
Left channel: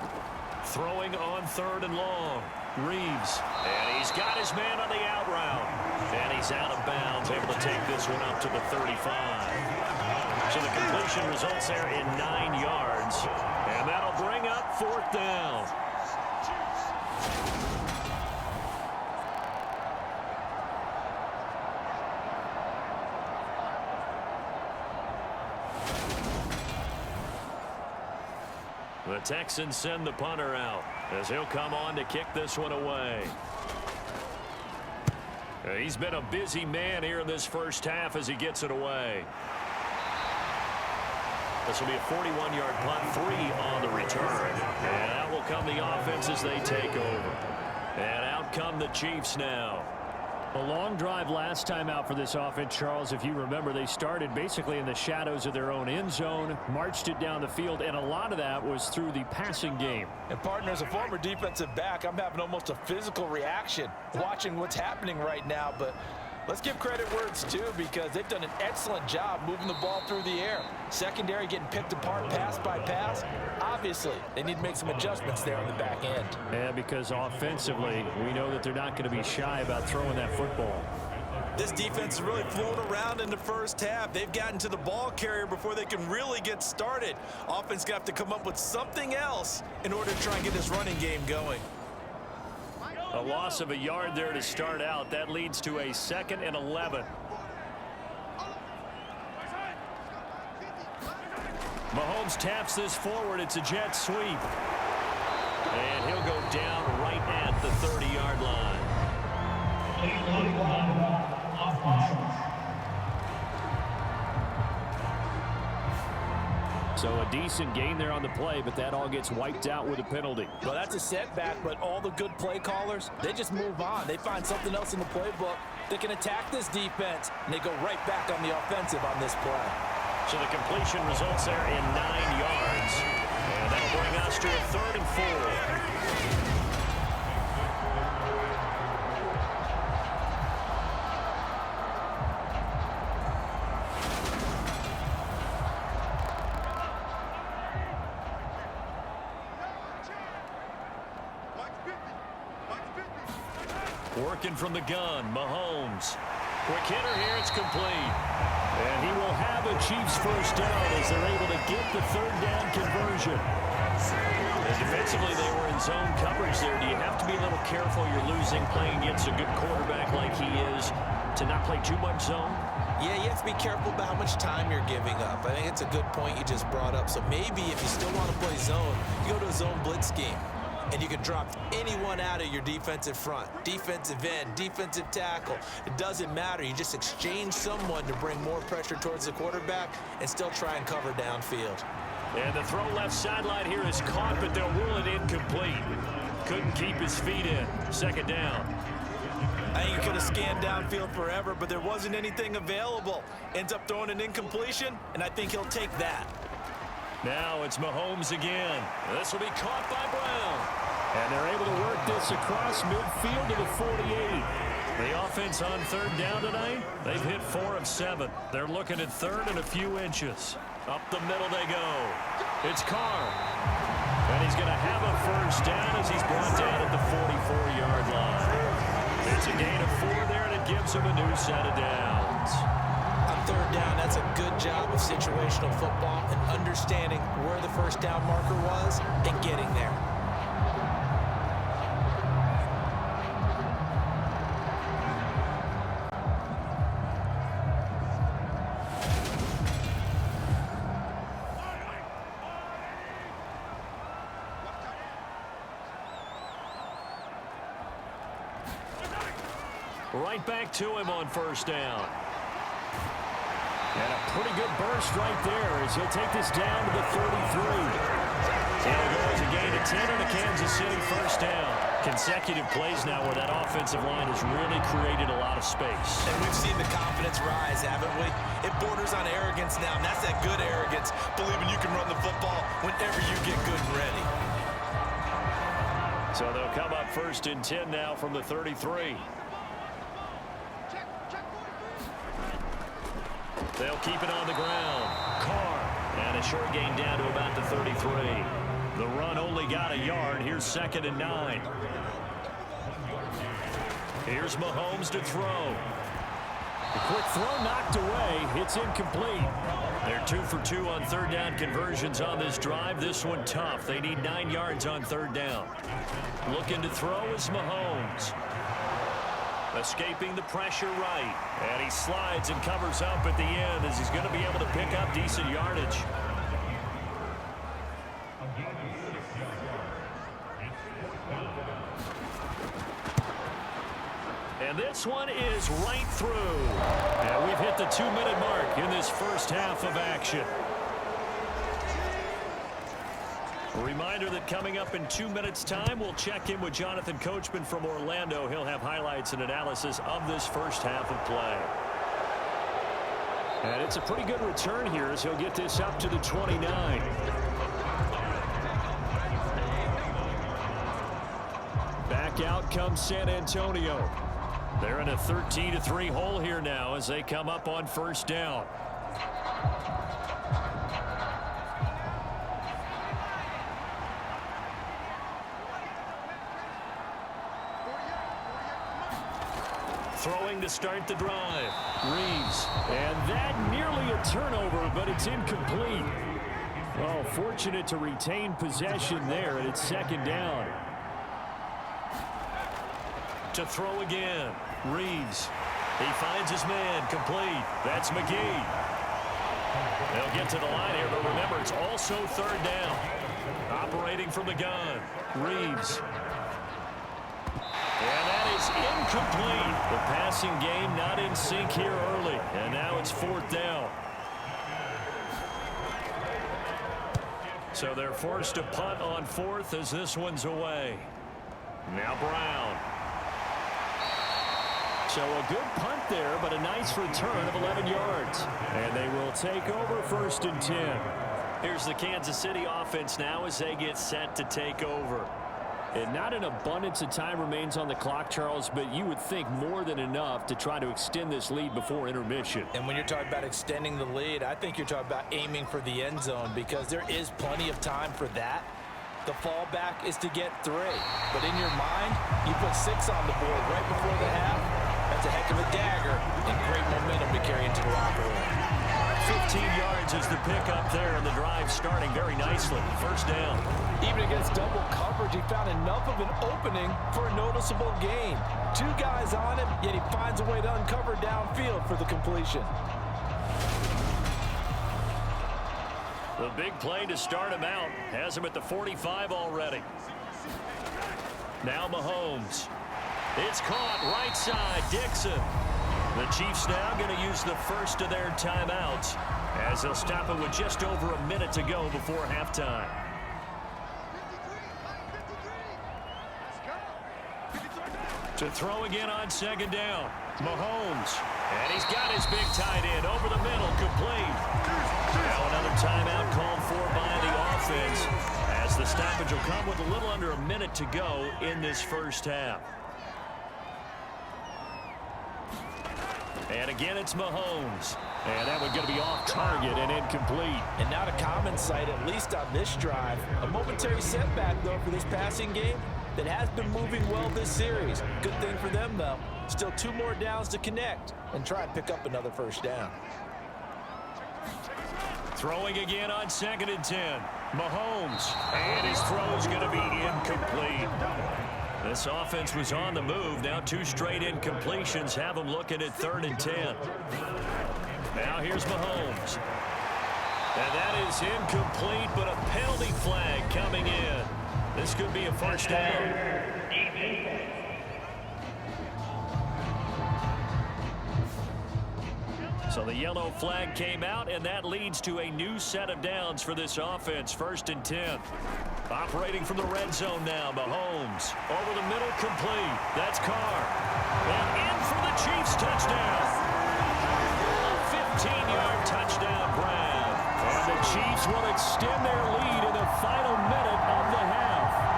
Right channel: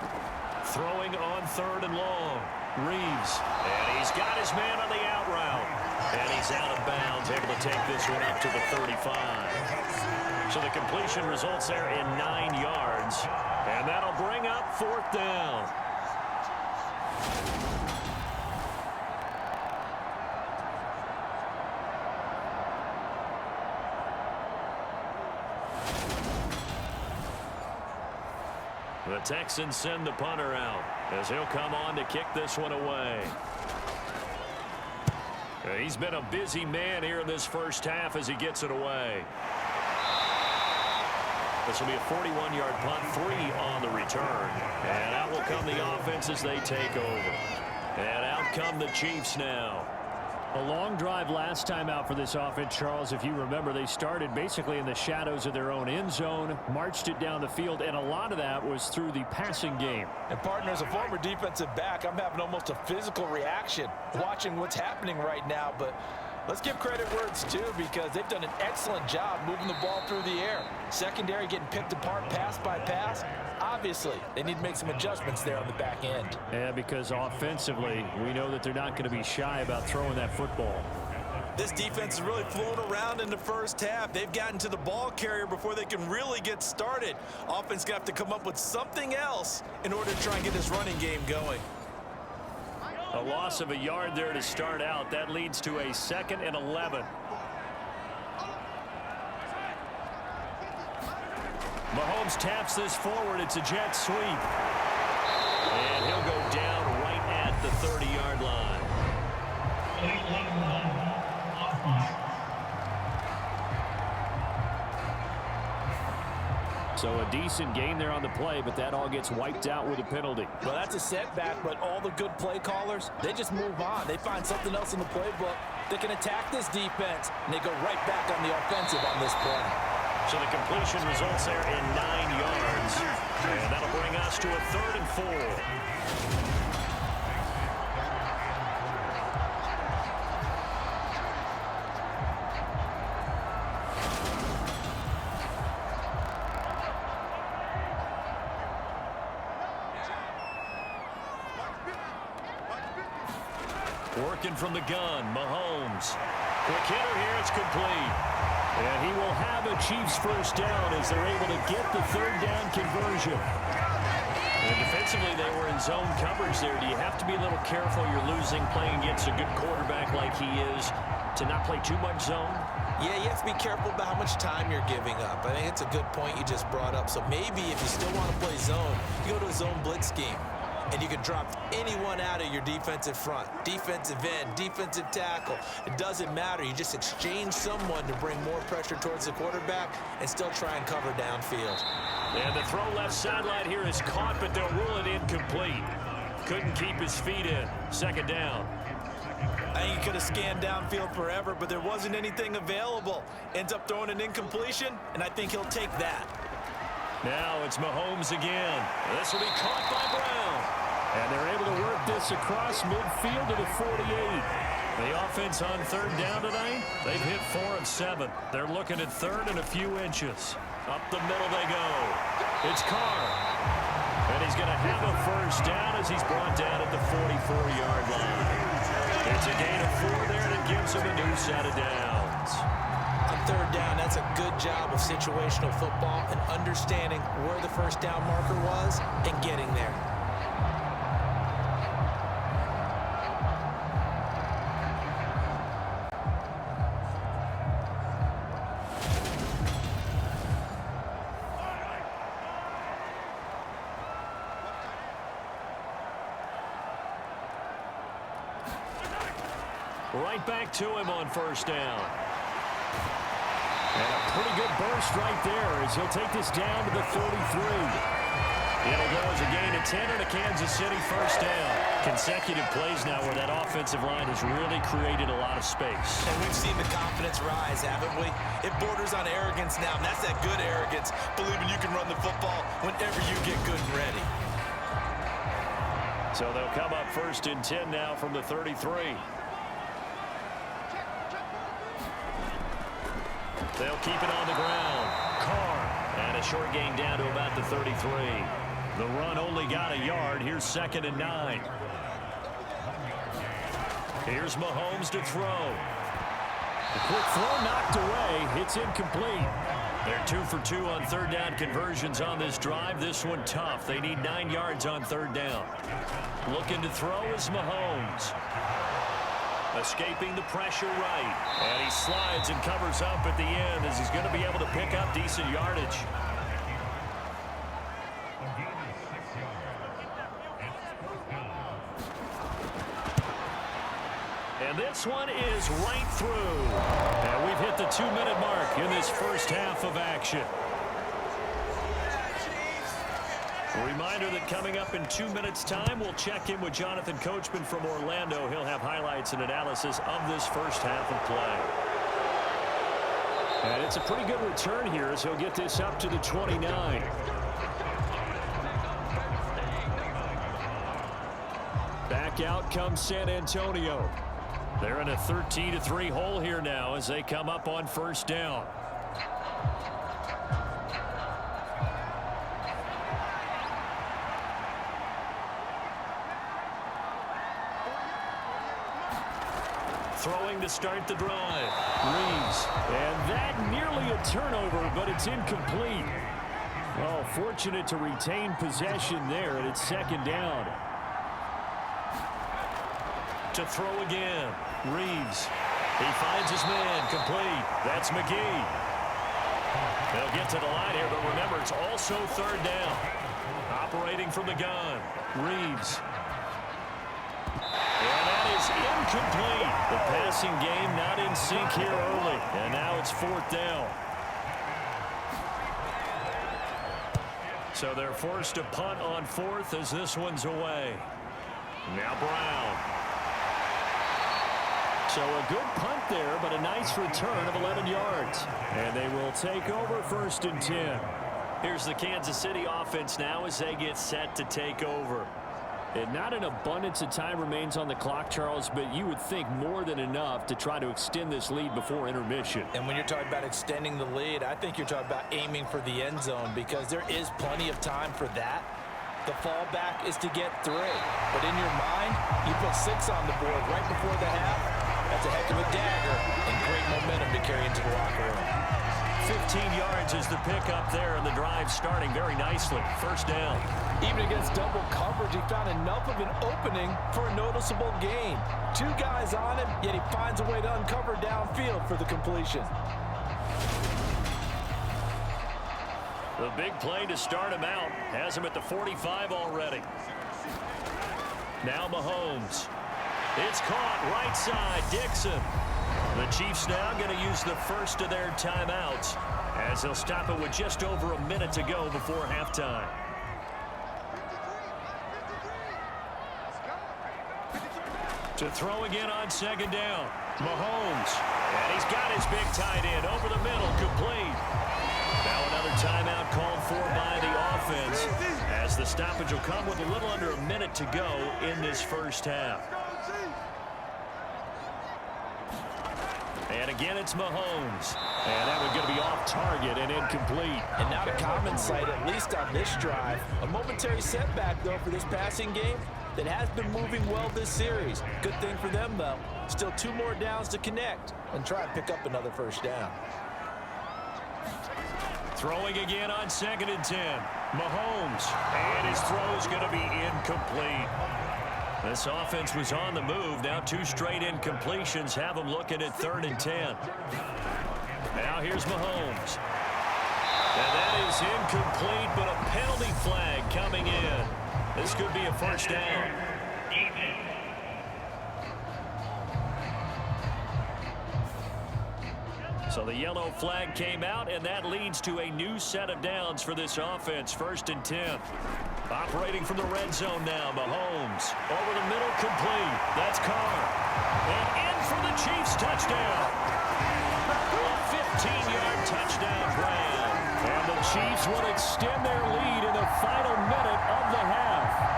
Throwing on 3rd and long. Reeves. And he's got his man on the out route. And he's out of bounds, able to take this one up to the 35. So the completion results there in 9 yards. And that'll bring up 4th down. The Texans send the punter out as he'll come on to kick this one away. He's been a busy man here in this first half as he gets it away. This will be a 41-yard punt, 3 on the return. And out will come the offense as they take over. And out come the Chiefs now. A long drive last time out for this offense, Charles. If you remember, they started basically in the shadows of their own end zone, marched it down the field, and a lot of that was through the passing game. And partner, as a former defensive back, I'm having almost a physical reaction watching what's happening right now. But let's give credit where it's due, because they've done an excellent job moving the ball through the air. Secondary getting picked apart pass by pass. Obviously, they need to make some adjustments there on the back end. Yeah, because offensively, we know that they're not going to be shy about throwing that football. This defense is really flown around in the first half. They've gotten to the ball carrier before they can really get started. Offense got to come up with something else in order to try and get this running game going. A loss of a yard there to start out. That leads to a 2nd and 11. Mahomes taps this forward. It's a jet sweep. And he'll go down right at the 30-yard line. So a decent gain there on the play, but that all gets wiped out with a penalty. Well, that's a setback, but all the good play callers, they just move on. They find something else in the playbook that can attack this defense, and they go right back on the offensive on this play. So the completion results there in 9 yards. And that'll bring us to a 3rd and 4. Working from the gun, Mahomes. Quick hitter here, it's complete. And he will have a Chiefs first down as they're able to get the 3rd down conversion. And defensively, they were in zone coverage there. Do you have to be a little careful? You're losing, playing against a good quarterback like he is, to not play too much zone? Yeah, you have to be careful about how much time you're giving up. I think it's a good point you just brought up. So maybe if you still want to play zone, you go to a zone blitz scheme. and you can drop anyone out of your defensive front. Defensive end, defensive tackle. It doesn't matter. You just exchange someone to bring more pressure towards the quarterback and still try and cover downfield. And the throw left sideline here is caught, but they'll rule it incomplete. Couldn't keep his feet in. Second down. I think he could have scanned downfield forever, but there wasn't anything available. Ends up throwing an incompletion, and I think he'll take that. Now it's Mahomes again. This will be caught by Brown. And they're able to work this across midfield to the 48. The offense on third down tonight, they've hit 4 of 7. They're looking at third and a few inches. Up the middle they go. It's Carr. And he's going to have a first down as he's brought down at the 44-yard line. It's a gain of 4 there, and it gives him a new set of downs. On third down, that's a good job of situational football and understanding where the first down marker was and getting there. Right back to him on first down. And a pretty good burst right there as he'll take this down to the 33. It'll go as a gain of 10 and a Kansas City first down. Consecutive plays now where that offensive line has really created a lot of space. And we've seen the confidence rise, haven't we? It borders on arrogance now, and that's that good arrogance, believing you can run the football whenever you get good and ready. So they'll come up first and 10 now from the 33. They'll keep it on the ground. Carr. And a short gain down to about the 33. The run only got a yard. Here's 2nd and 9. Here's Mahomes to throw. The quick throw knocked away. It's incomplete. They're 2 for 2 on third down conversions on this drive. This one tough. They need 9 yards on third down. Looking to throw is Mahomes. Escaping the pressure right. And he slides and covers up at the end as he's going to be able to pick up decent yardage. And this one is right through. And we've hit the 2-minute mark in this first half of action. A reminder that coming up in 2 minutes' time, we'll check in with Jonathan Coachman from Orlando. He'll have highlights and analysis of this first half of play. And it's a pretty good return here as he'll get this up to the 29. Back out comes San Antonio. They're in a 13-3 hole here now as they come up on first down. Throwing to start the drive. Reeves. And that nearly a turnover, but it's incomplete. Oh, fortunate to retain possession there, and it's 2nd down. To throw again. Reeves. He finds his man. Complete. That's McGee. They'll get to the line here, but remember, it's also 3rd down. Operating from the gun. Reeves. And that is incomplete. The passing game not in sync here early. And now it's 4th down. So they're forced to punt on 4th as this one's away. Now Brown. So a good punt there, but a nice return of 11 yards. And they will take over 1st and 10. Here's the Kansas City offense now as they get set to take over. And not an abundance of time remains on the clock, Charles, but you would think more than enough to try to extend this lead before intermission. And when you're talking about extending the lead, I think you're talking about aiming for the end zone because there is plenty of time for that. The fallback is to get 3. But in your mind, you put 6 on the board right before the half. That's a heck of a dagger and great momentum to carry into the locker room. 15 yards is the pickup there, and the drive starting very nicely. 1st down. Even against double coverage, he found enough of an opening for a noticeable gain. 2 guys on him, yet he finds a way to uncover downfield for the completion. The big play to start him out has him at the 45 already. Now Mahomes. It's caught right side. Dixon. The Chiefs now going to use the first of their timeouts as they'll stop it with just over a minute to go before halftime. To throw again on second down. Mahomes. And he's got his big tight end over the middle, complete. Now another timeout called for by the offense as the stoppage will come with a little under a minute to go in this first half. And again, it's Mahomes. And that one's going to be off target and incomplete. And not a common sight, at least on this drive. A momentary setback, though, for this passing game that has been moving well this series. Good thing for them, though. Still 2 more downs to connect and try and pick up another first down. Throwing again on 2nd and 10. Mahomes. And his throw's going to be incomplete. This offense was on the move. Now 2 straight incompletions have them looking at 3rd and 10. Now here's Mahomes. And that is incomplete, but a penalty flag coming in. This could be a first down. So the yellow flag came out, and that leads to a new set of downs for this offense. 1st and 10. Operating from the red zone now, Mahomes. Over the middle, complete. That's Carr. And in for the Chiefs touchdown. A 15-yard touchdown grab. And the Chiefs will extend their lead in the final minute of the half.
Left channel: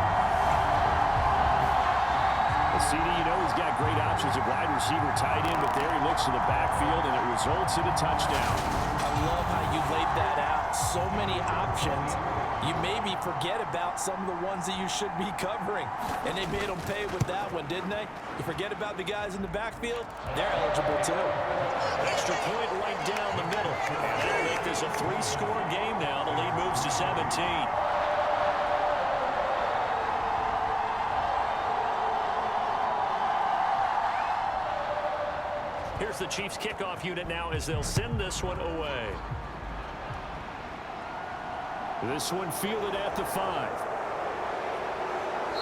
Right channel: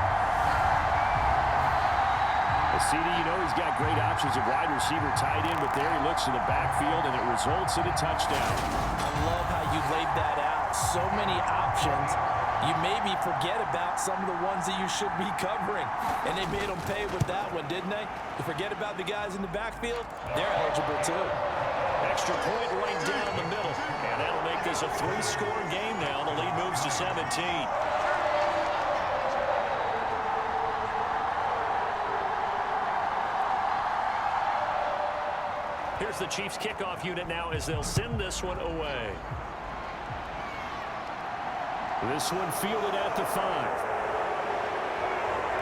CD, you know he's got great options at wide receiver, tight end, but there he looks to the backfield, and it results in a touchdown. I love how you laid that out. So many options. You maybe forget about some of the ones that you should be covering. And they made them pay with that one, didn't they? You forget about the guys in the backfield, they're eligible too. Extra point right down the middle. And that'll make this a 3-score game now. The lead moves to 17. Here's the Chiefs kickoff unit now as they'll send this one away. This one fielded at the 5.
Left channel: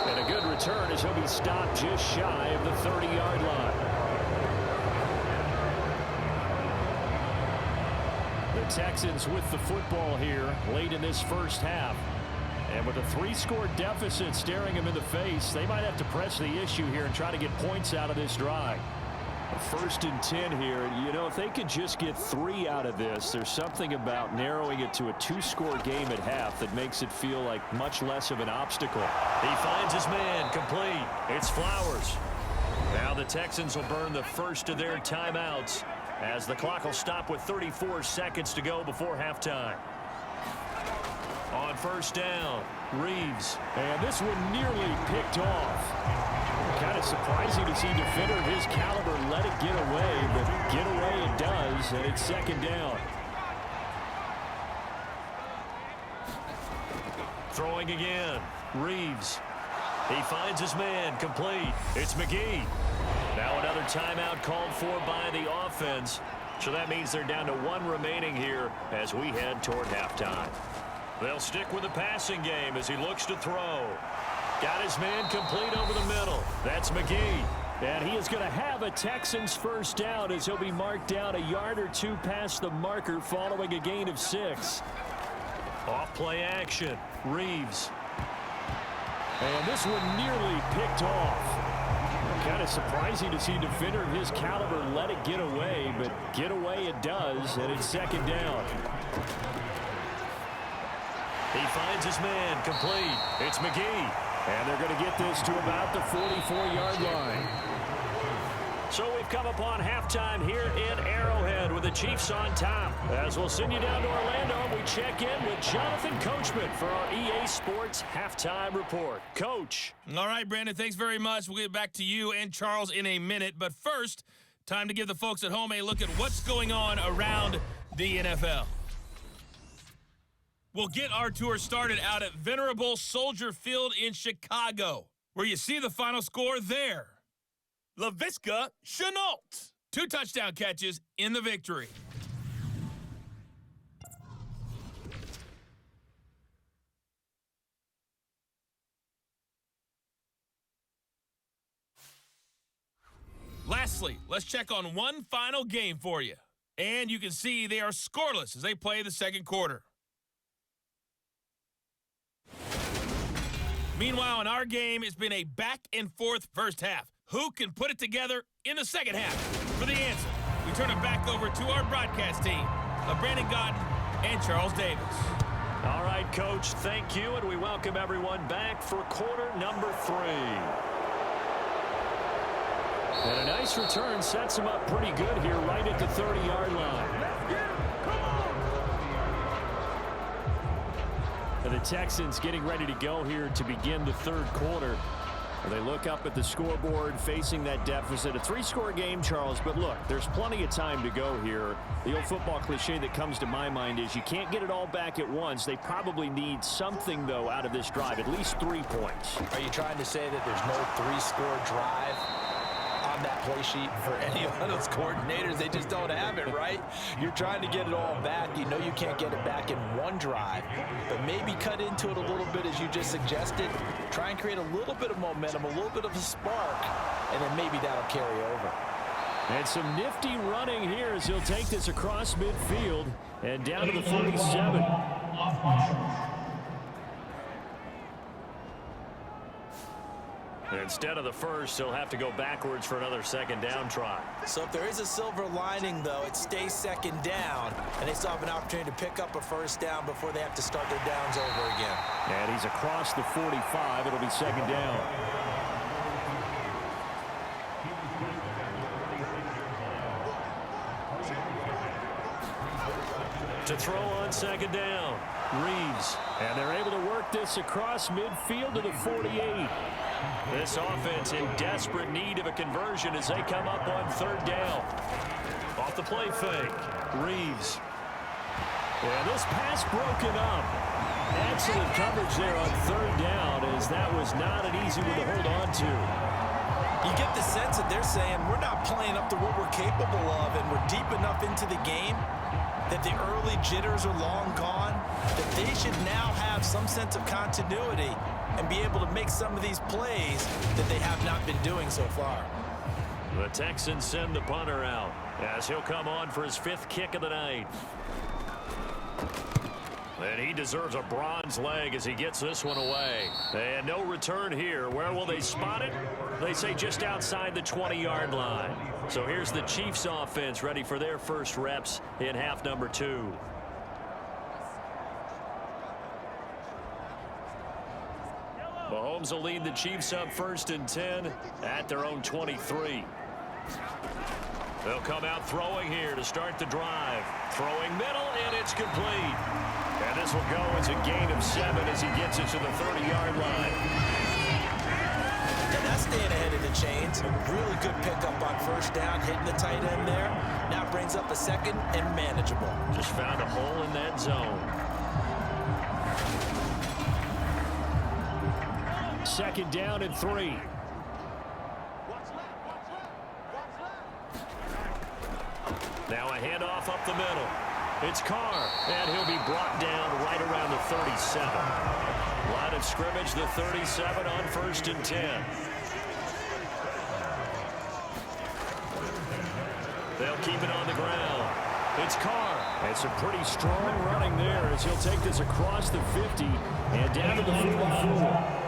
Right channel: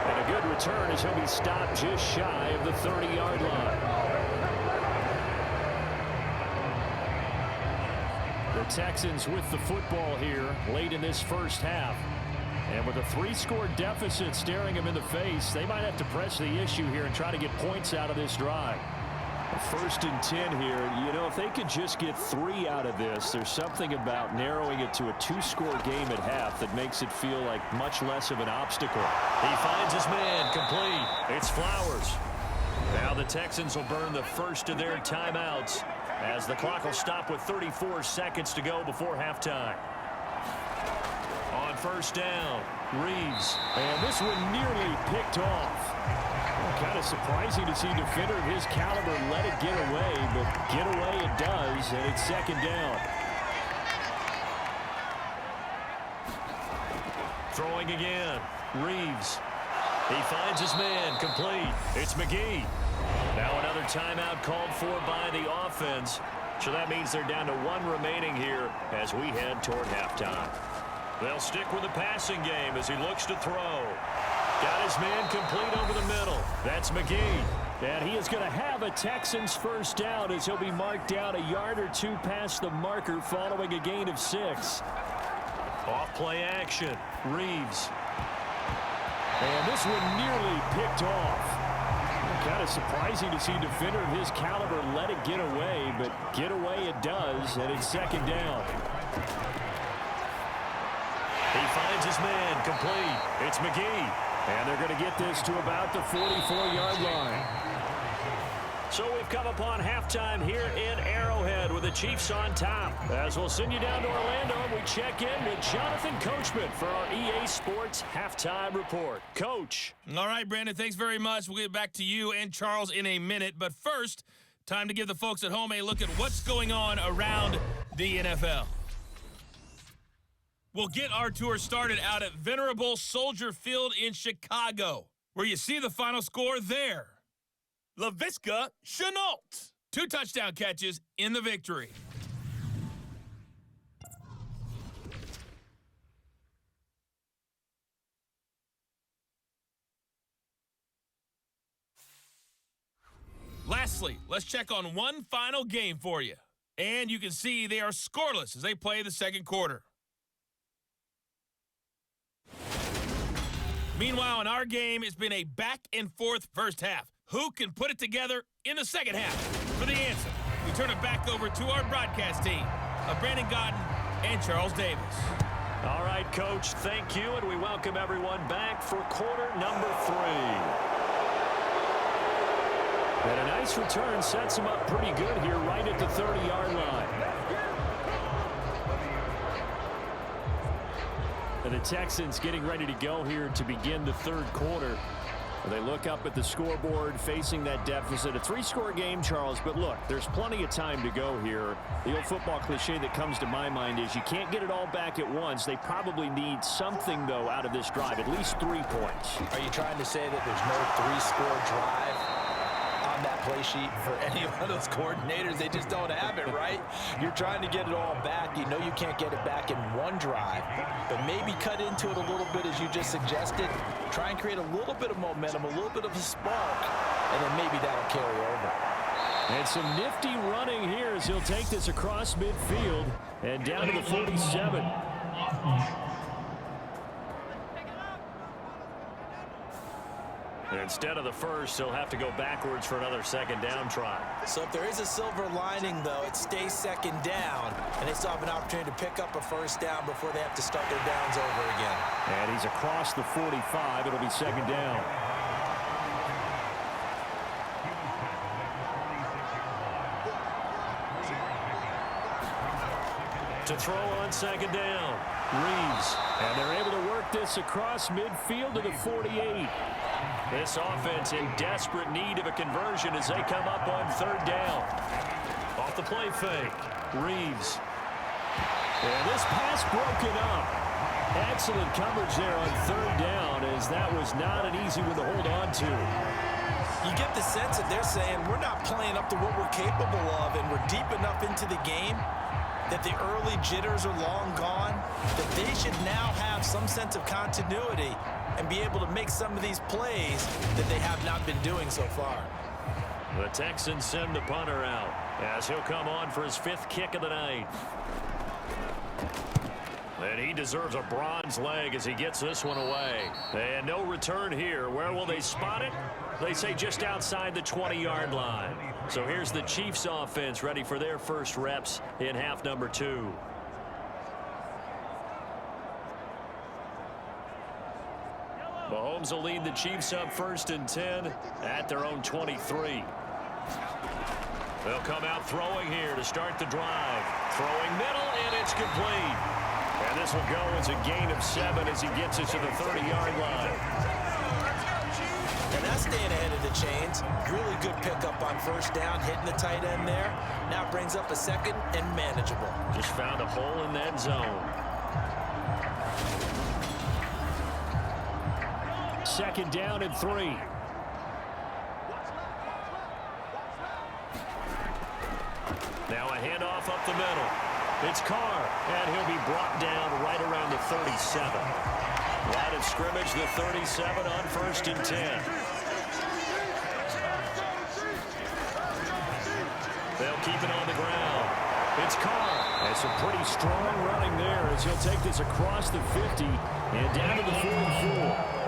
And a good return as he'll be stopped just shy of the 30-yard line. The Texans with the football here late in this first half. And with a 3-score deficit staring them in the face, they might have to press the issue here and try to get points out of this drive. 1st and 10 here. You know, if they could just get 3 out of this, there's something about narrowing it to a 2-score game at half that makes it feel like much less of an obstacle. He finds his man, complete. It's Flowers. Now the Texans will burn the first of their timeouts as the clock will stop with 34 seconds to go before halftime. On 1st down, Reeves. And this one nearly picked off. Kind of surprising to see a defender of his caliber let it get away, but get away it does, and it's 2nd down. Throwing again, Reeves. He finds his man, complete. It's McGee. Now another timeout called for by the offense. So that means they're down to 1 remaining here as we head toward halftime. They'll stick with the passing game as he looks to throw. Got his man complete over the middle. That's McGee. And he is going to have a Texans first down as he'll be marked down a yard or 2 past the marker following a gain of 6. Off play action. Reeves. And this one nearly picked off. Kind of surprising to see a defender of his caliber let it get away, but get away it does, and it's 2nd down. He finds his man, complete. It's McGee. And they're going to get this to about the 44-yard line. So we've come upon halftime here in Arrowhead with the Chiefs on top. As we'll send you down to Orlando, we check in with Jonathan Coachman for our EA Sports Halftime Report. Coach. All right, Brandon, thanks very much. We'll get back to you and Charles in a minute. But first, time to give the folks at home a look at what's going on around the NFL. We'll get our tour started out at Venerable Soldier Field in Chicago, where you see the final score there. Laviska Shenault, 2 touchdown catches in the victory. Lastly, let's check on one final game for you. And you can see they are scoreless as they play the second quarter. Meanwhile, in our game, it's been a back-and-forth first half. Who can put it together in the second half? For the answer, we turn it back over to our broadcast team of Brandon Godden and Charles Davis. All right, Coach, thank you, and we welcome everyone back for quarter number 3. And a nice return sets him up pretty good here right at the 30-yard line. And the Texans getting ready to go here to begin the third quarter. They look up at the scoreboard facing that deficit. A 3-score game, Charles, but look, there's plenty of time to go here. The old football cliche that comes to my mind is you can't get it all back at once. They probably need something, though, out of this drive, at least 3 points. Are you trying to say that there's no 3-score drive on that play sheet for any one of those coordinators? They just don't have it, right? You're trying to get it all back. You know you can't get it back in one drive, but maybe cut into it a little bit as you just suggested. Try and create a little bit of momentum, a little bit of a spark, and then maybe that'll carry over. And some nifty running here as he'll take this across midfield and down to the 47. Instead of the first, he'll have to go backwards for another second down try. So if there is a silver lining, though, it stays second down, and they still have an opportunity to pick up a first down before they have to start their downs over again. And he's across the 45. It'll be second down. To throw on second down, Reeves. And they're able to work this across midfield to the 48. This offense in desperate need of a conversion as they come up on third down. Off the play fake, Reeves. And this pass broken up. Excellent coverage there on third down, as that was not an easy one to hold on to. You get the sense that they're saying we're not playing up to what we're capable of, and we're deep enough into the game that the early jitters are long gone, that they should now have some sense of continuity and be able to make some of these plays that they have not been doing so far. The Texans send the punter out as he'll come on for his 5th kick of the night. And he deserves a bronze leg as he gets this one away. And no return here. Where will they spot it? They say just outside the 20-yard line. So here's the Chiefs offense ready for their first reps in half number 2. Mahomes will lead the Chiefs up 1st and 10 at their own 23. They'll come out throwing here to start the drive. Throwing middle, and it's complete. And this will go as a gain of 7 as he gets it to the 30-yard line. And that's staying ahead of the chains. Really good pickup on first down, hitting the tight end there. Now it brings up a second and manageable. Just found a hole in that zone. Second down and 3. Now a handoff up the middle. It's Carr, and he'll be brought down right around the 37. Line of scrimmage, the 37 on 1st and 10. They'll keep it on the ground. It's Carr. It's a pretty strong running there as he'll take this across the 50 and down to the 44.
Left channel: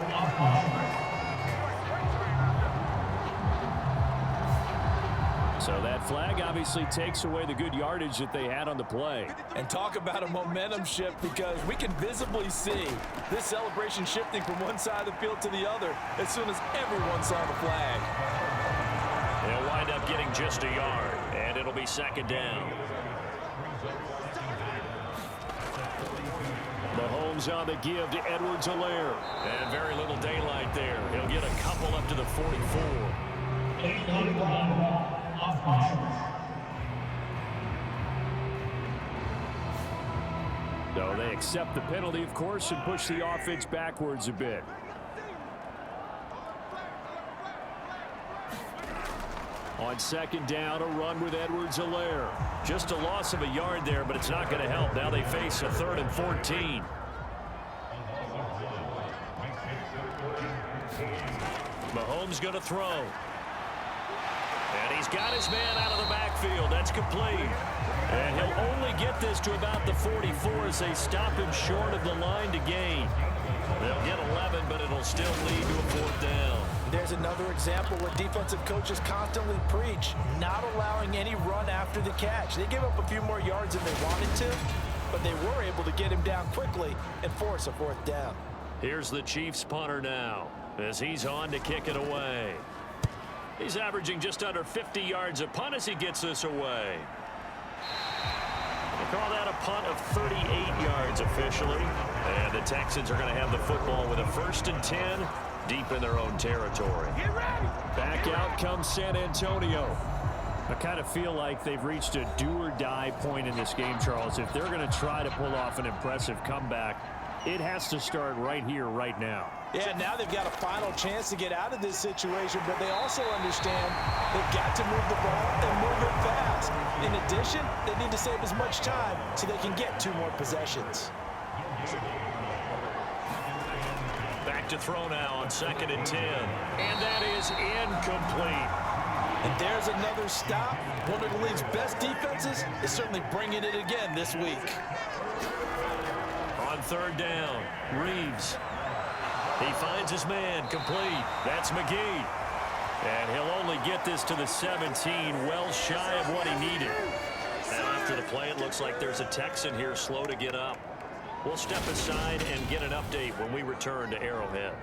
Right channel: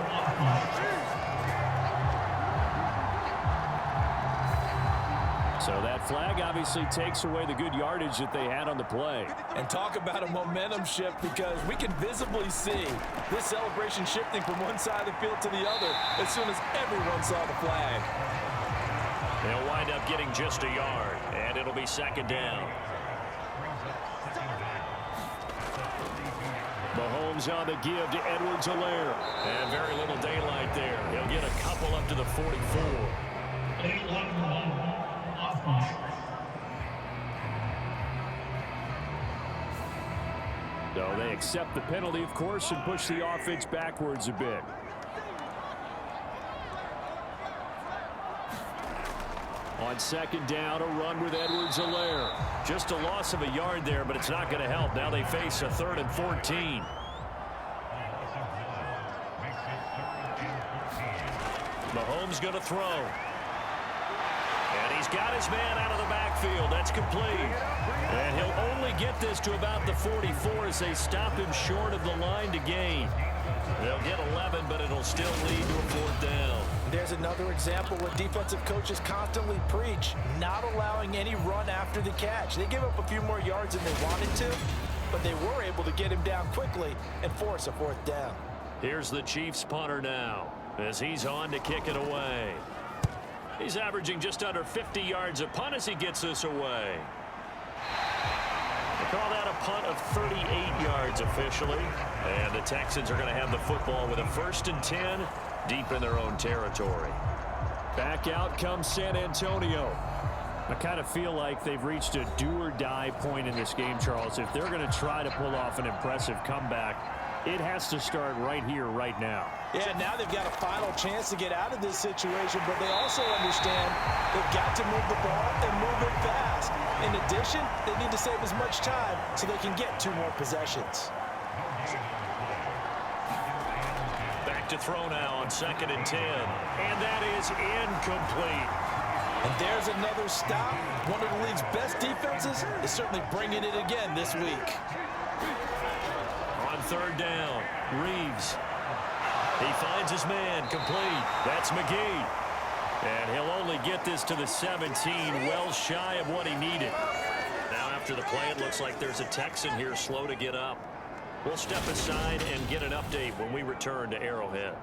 So that flag obviously takes away the good yardage that they had on the play. And talk about a momentum shift, because we can visibly see this celebration shifting from one side of the field to the other as soon as everyone saw the flag. They'll wind up getting just a yard, and it'll be second down. Mahomes on the give to Edwards-Helaire. And very little daylight there. He'll get a couple up to the 44. So they accept the penalty, of course, and push the offense backwards a bit. On second down, a run with Edwards-Helaire. Just a loss of a yard there, but it's not going to help. Now they face a 3rd and 14. Mahomes going to throw. And he's got his man out of the backfield. That's complete. And he'll only get this to about the 44 as they stop him short of the line to gain. They'll get 11, but it'll still lead to a 4th down. There's another example where defensive coaches constantly preach not allowing any run after the catch. They give up a few more yards than they wanted to, but they were able to get him down quickly and force a 4th down. Here's the Chiefs punter now as he's on to kick it away. He's averaging just under 50 yards a punt as he gets this away. They call that a punt of 38 yards officially. And the Texans are going to have the football with a 1st and 10 deep in their own territory. Back out comes San Antonio. I kind of feel like they've reached a do-or-die point in this game, Charles. If they're going to try to pull off an impressive comeback, it has to start right here, right now. Yeah, now they've got a final chance to get out of this situation, but they also understand they've got to move the ball and move it fast. In addition, they need to save as much time so they can get 2 more possessions. Back to throw now on 2nd and 10. And that is incomplete. And there's another stop. One of the league's best defenses is certainly bringing it again this week. On 3rd down, Reeves. He finds his man, complete. That's McGee. And he'll only get this to the 17, well shy of what he needed. Now after the play, it looks like there's a Texan here slow to get up. We'll step aside and get an update when we return to Arrowhead.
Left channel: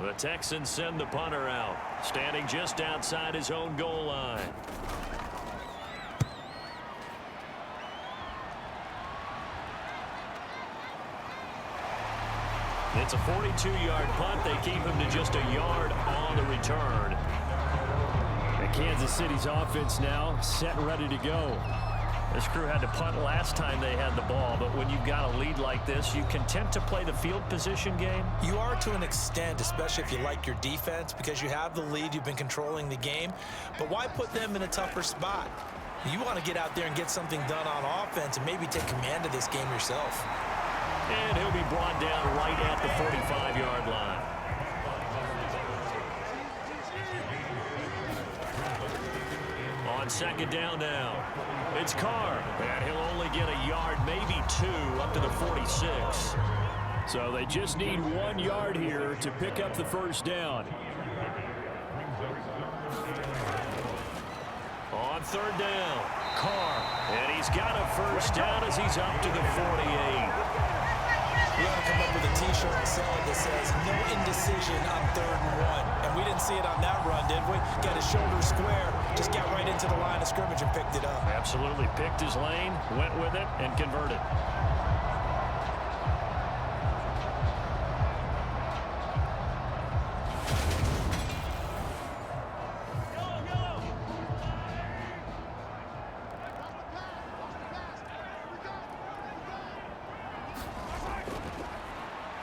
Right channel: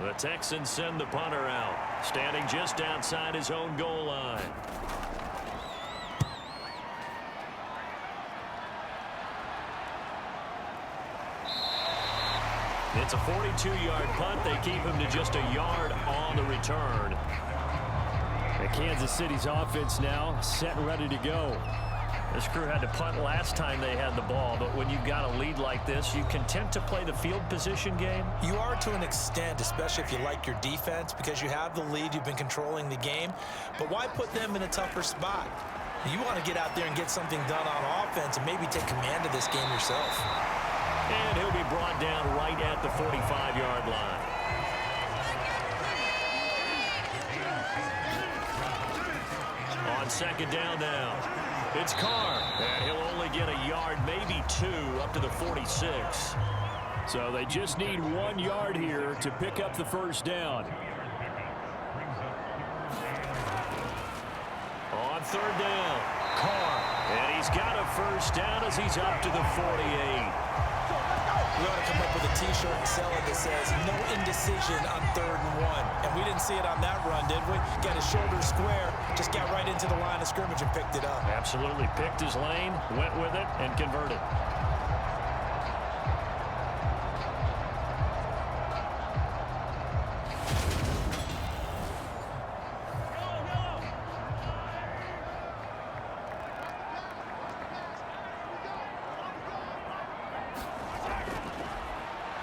The Texans send the punter out, standing just outside his own goal line. It's a 42-yard punt. They keep him to just a yard on the return. And Kansas City's offense now set and ready to go. This crew had to punt last time they had the ball, but when you've got a lead like this, you content to play the field position game? You are to an extent, especially if you like your defense, because you have the lead, you've been controlling the game. But why put them in a tougher spot? You want to get out there and get something done on offense and maybe take command of this game yourself. And he'll be brought down right at the 45-yard line. On 2nd down now, it's Carr. And he'll only get a yard, maybe 2, up to the 46. So they just need 1 yard here to pick up the 1st down. On 3rd down, Carr. And he's got a 1st down as he's up to the 48. We ought to come up with a T-shirt and sell it that says, no indecision on 3rd and 1. And we didn't see it on that run, did we? Got his shoulder square, just got right into the line of scrimmage and picked it up. Absolutely picked his lane, went with it, and converted.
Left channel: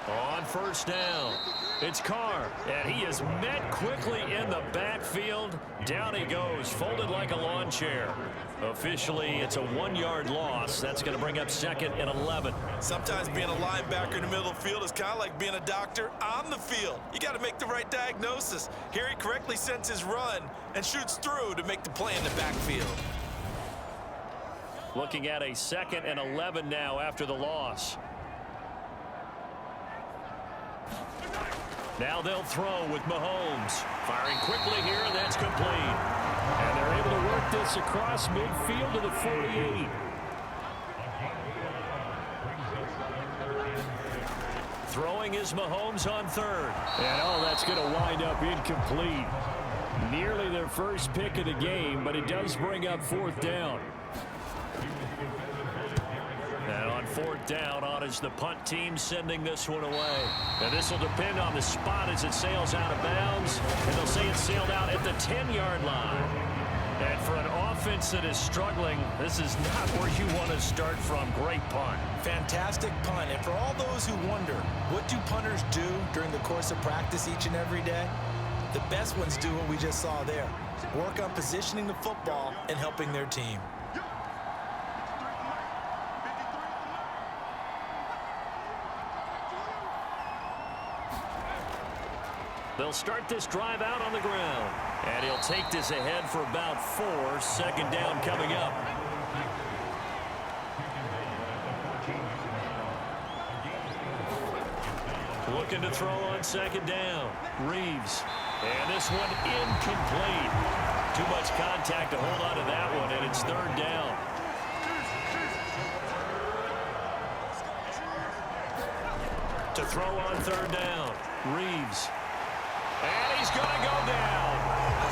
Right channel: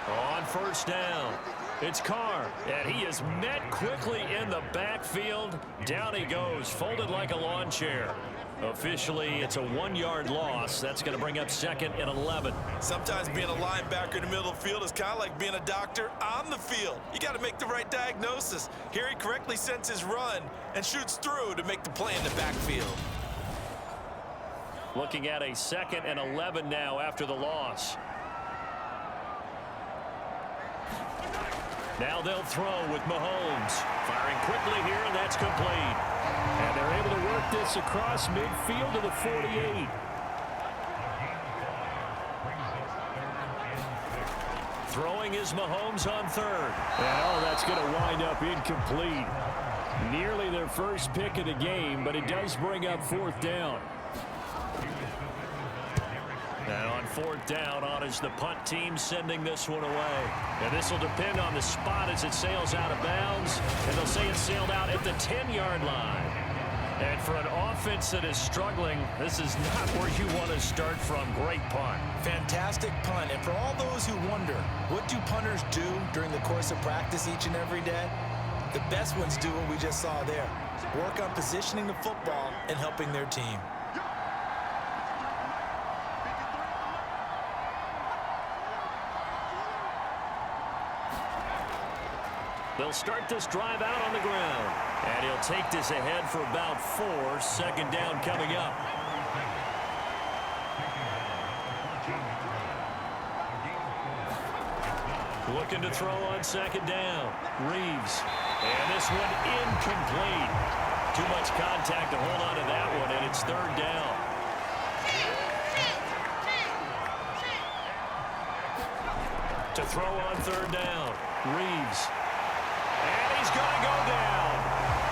On 1st down, it's Carr, and he is met quickly in the backfield. Down he goes, folded like a lawn chair. Officially, it's a 1-yard loss. That's going to bring up 2nd and 11. Sometimes being a linebacker in the middle of the field is kind of like being a doctor on the field. You got to make the right diagnosis. Here he correctly sends his run and shoots through to make the play in the backfield. Looking at a 2nd and 11 now after the loss. Now they'll throw with Mahomes. Firing quickly here, and that's complete. And they're able to work this across midfield to the 48. Throwing is Mahomes on 3rd. And that's going to wind up incomplete. Nearly their first pick of the game, but it does bring up 4th down. And on 4th down, on is the punt team sending this one away. And this will depend on the spot as it sails out of bounds. And they'll say it sailed out at the 10-yard line. And for an offense that is struggling, this is not where you want to start from. Great punt. Fantastic punt. And for all those who wonder, what do punters do during the course of practice each and every day? The best ones do what we just saw there. Work on positioning the football and helping their team. They'll start this drive out on the ground. And he'll take this ahead for about 4. Second down coming up. Looking to throw on second down. Reeves. And this one incomplete. Too much contact to hold on to that one, and it's third down. To throw on third down. Reeves. And he's going to go down.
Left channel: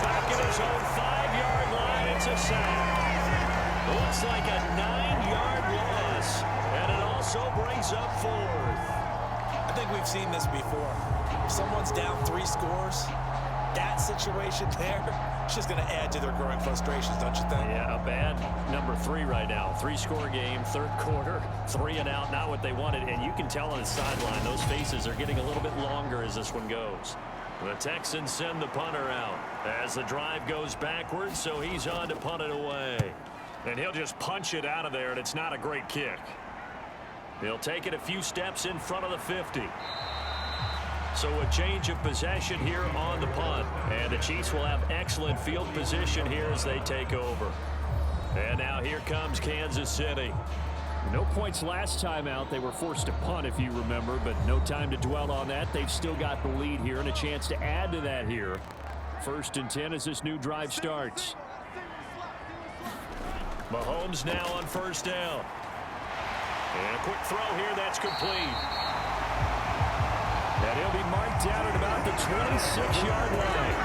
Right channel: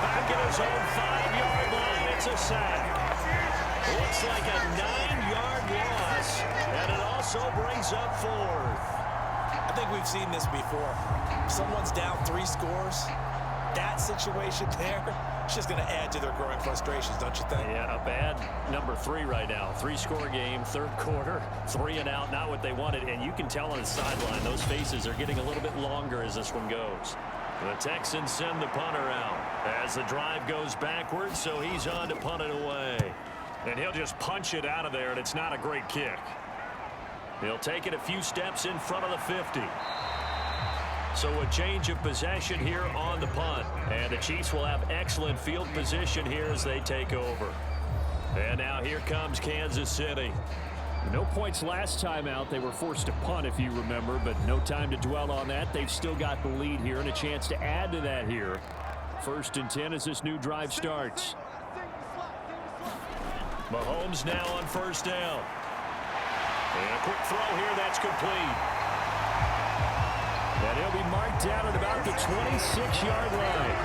Back at his own 5-yard line. It's a sack. Looks like a 9-yard loss. And it also brings up 4th. I think we've seen this before. If someone's down 3 scores, that situation there, it's just going to add to their growing frustrations, don't you think? Yeah, a bad number 3 right now. 3-score game, third quarter, 3 and out, not what they wanted. And you can tell on the sideline, those faces are getting a little bit longer as this one goes. The Texans send the punter out as the drive goes backwards, so he's on to punt it away. And he'll just punch it out of there, and it's not a great kick. He'll take it a few steps in front of the 50. So a change of possession here on the punt. And the Chiefs will have excellent field position here as they take over. And now here comes Kansas City. No points last time out. They were forced to punt, if you remember, but no time to dwell on that. They've still got the lead here and a chance to add to that here. 1st and 10 as this new drive starts. Mahomes now on first down. And a quick throw here, that's complete. And he'll be marked down at about the 26-yard line.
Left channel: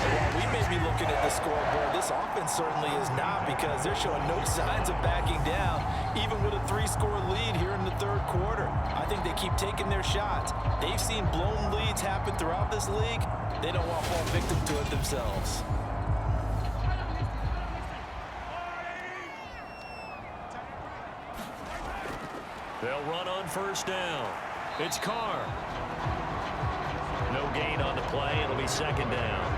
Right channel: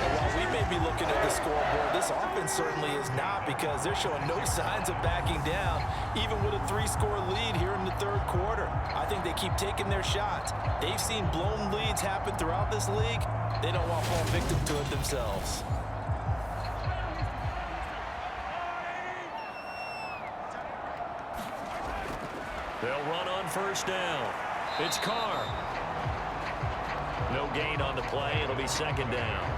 And while we may be looking at the scoreboard, this offense certainly is not, because they're showing no signs of backing down, even with a 3-score lead here in the third quarter. I think they keep taking their shots. They've seen blown leads happen throughout this league. They don't want to fall victim to it themselves. They'll run on first down. It's Carr. No gain on the play. It'll be second down.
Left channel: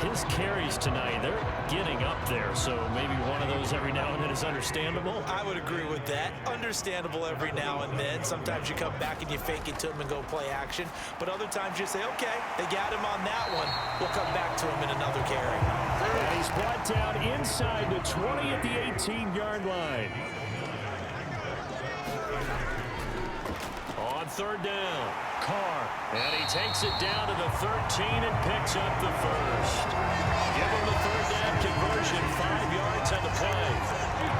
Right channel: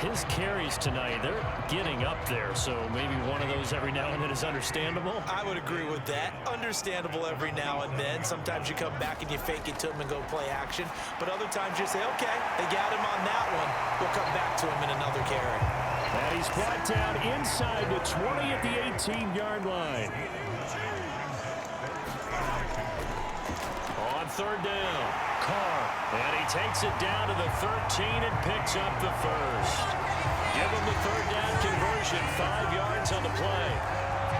His carries tonight, they're getting up there, so maybe one of those every now and then is understandable. I would agree with that. Understandable every now and then. Sometimes you come back and you fake it to him and go play action. But other times you say, okay, they got him on that one. We'll come back to him in another carry. And he's brought down inside the 20 at the 18-yard line. On third down, Carr. And he takes it down to the 13 and picks up the first. Give him the third down conversion, 5 yards on the play.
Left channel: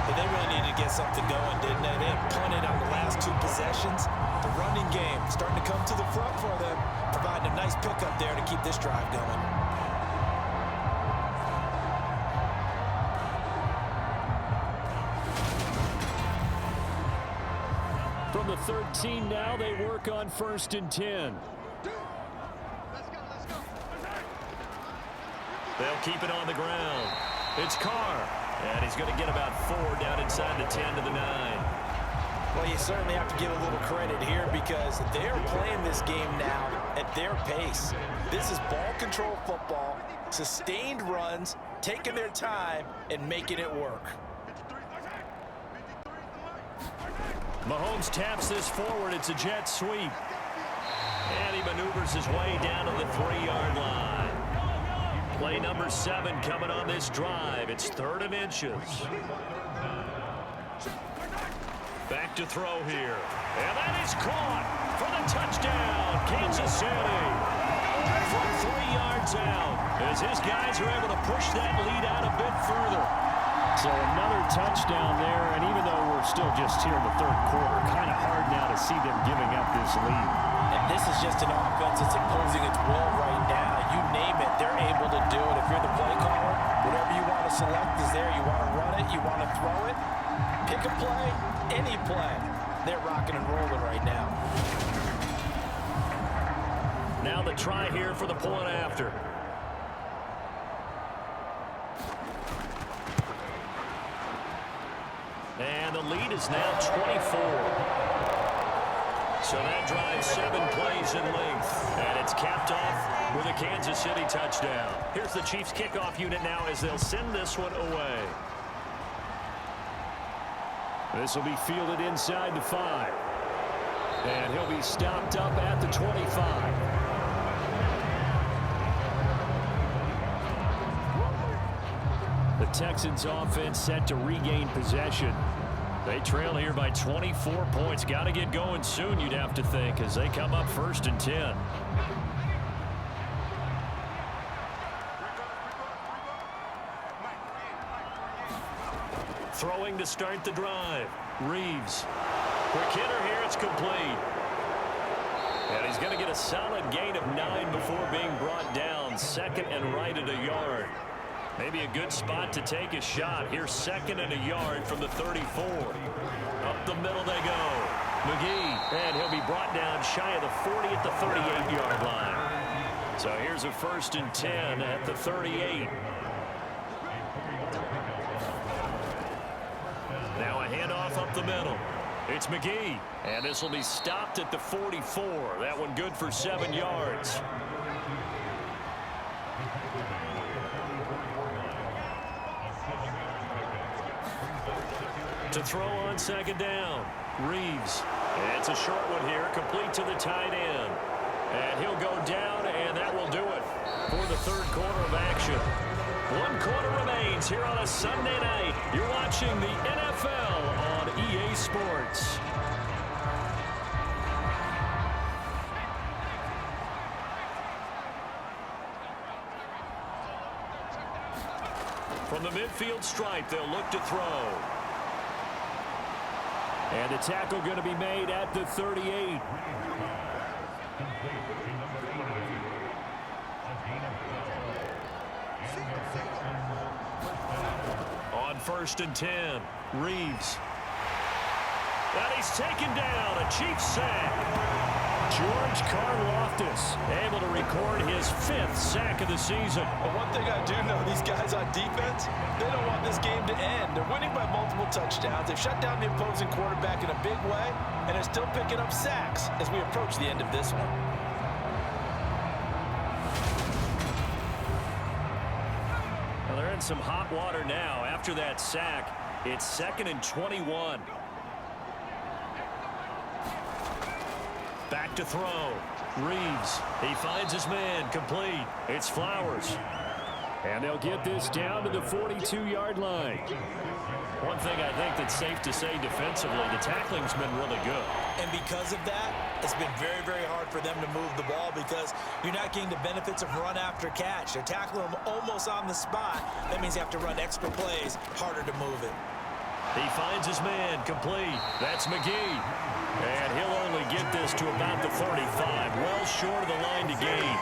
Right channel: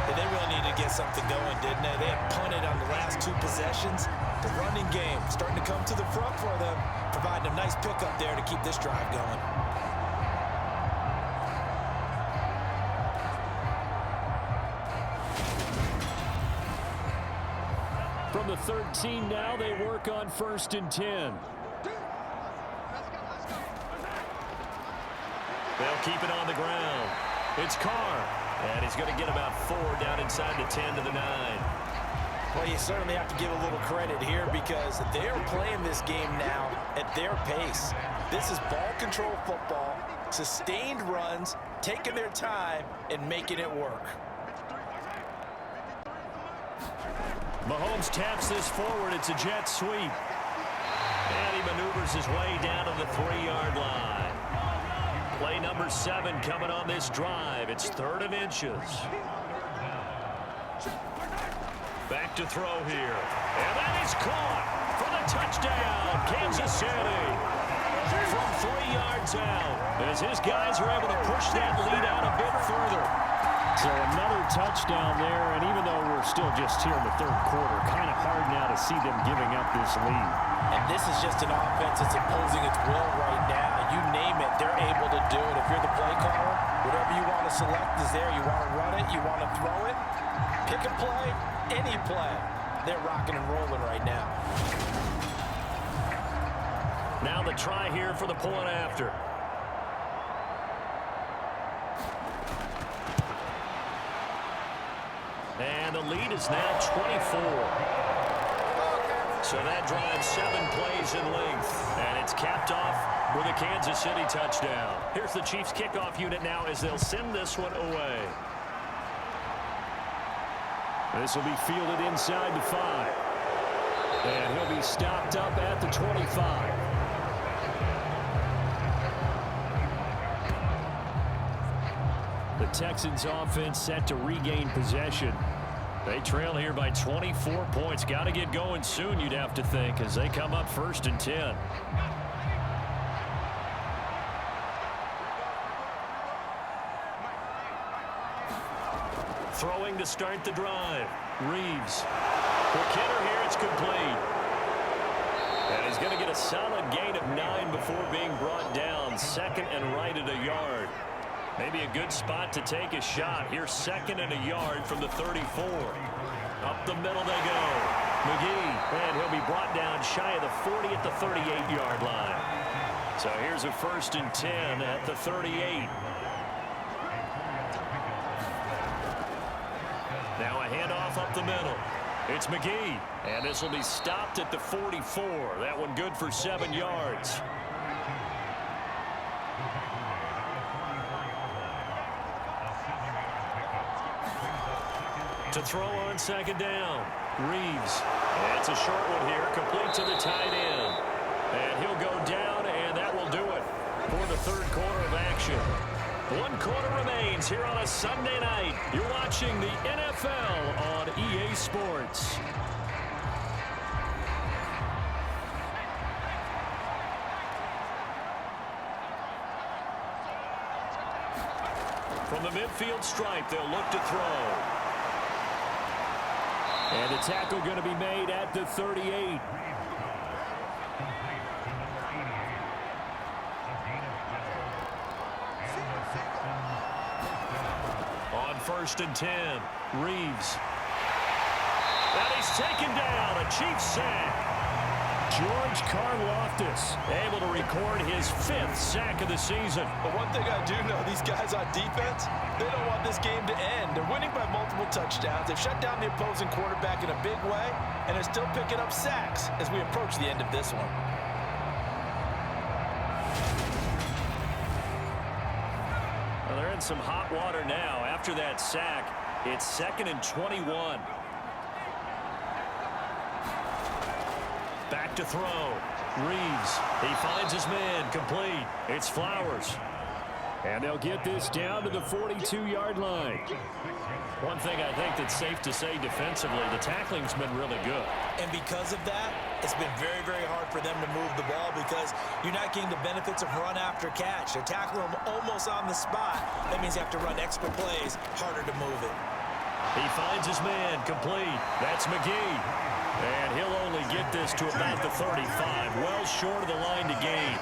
And they really needed to get something going, didn't they? They had punted on the last 2 possessions. The running game starting to come to the front for them, providing a nice pickup there to keep this drive going. From the 13 now, they work on 1st and 10. They'll keep it on the ground. It's Carr. And he's going to get about 4 down inside the 10 to the 9. Well, you certainly have to give a little credit here, because they're playing this game now at their pace. This is ball control football, sustained runs, taking their time and making it work. Mahomes taps this forward. It's a jet sweep. And he maneuvers his way down to the 3-yard line. Play number 7 coming on this drive. It's 3rd and inches. Back to throw here. And that is caught for the touchdown, Kansas City. From 3 yards out, as his guys are able to push that lead out a bit further. So another touchdown there, and even though we're still just here in the third quarter, kind of hard now to see them giving up this lead. And this is just an offense that's imposing its will right now. You name it, they're able to do it. If you're the play caller, whatever you want to select is there. You want to run it, you want to throw it, pick a play, any play. They're rocking and rolling right now. Now the try here for the point after. And the lead is now 24. So that drives 7 plays in length. And it's capped off with a Kansas City touchdown. Here's the Chiefs kickoff unit now as they'll send this one away. This will be fielded inside the 5. And he'll be stopped up at the 25. Texans offense set to regain possession. They trail here by 24 points. Got to get going soon, you'd have to think, as they come up 1st and 10. Throwing to start the drive. Reeves. Quick hitter here. It's complete. And he's going to get a solid gain of 9 before being brought down. 2nd and right at a yard. Maybe a good spot to take a shot. Here's 2nd and a yard from the 34. Up the middle they go. McGee. And he'll be brought down shy of the 40 at the 38-yard line. So here's a 1st and 10 at the 38. Now a handoff up the middle. It's McGee. And this will be stopped at the 44. That one good for 7 yards. To throw on 2nd down. Reeves. It's a short one here. Complete to the tight end. And he'll go down, and that will do it for the 3rd quarter of action. 1 quarter remains here on a Sunday night. You're watching the NFL on EA Sports. From the midfield stripe, they'll look to throw. And the tackle going to be made at the 38. On 1st and 10, Reeves. And he's taken down, a Chiefs sack. George Karlaftis able to record his 5th sack of the season. But one thing I do know, these guys on defense, they don't want this game to end. They're winning by multiple touchdowns. They've shut down the opposing quarterback in a big way, and they're still picking up sacks as we approach the end of this one. Well, they're in some hot water now. After that sack, it's 2nd and 21. Back to throw. Reeves. He finds his man. Complete. It's Flowers. And they'll get this down to the 42-yard line. One thing I think that's safe to say defensively, the tackling's been really good. And because of that, it's been very, very hard for them to move the ball because you're not getting the benefits of run after catch. They're tackling them almost on the spot. That means you have to run extra plays, harder to move it. He finds his man. Complete. That's McGee. And he'll only get this to about the 35. Well short of the line to gain.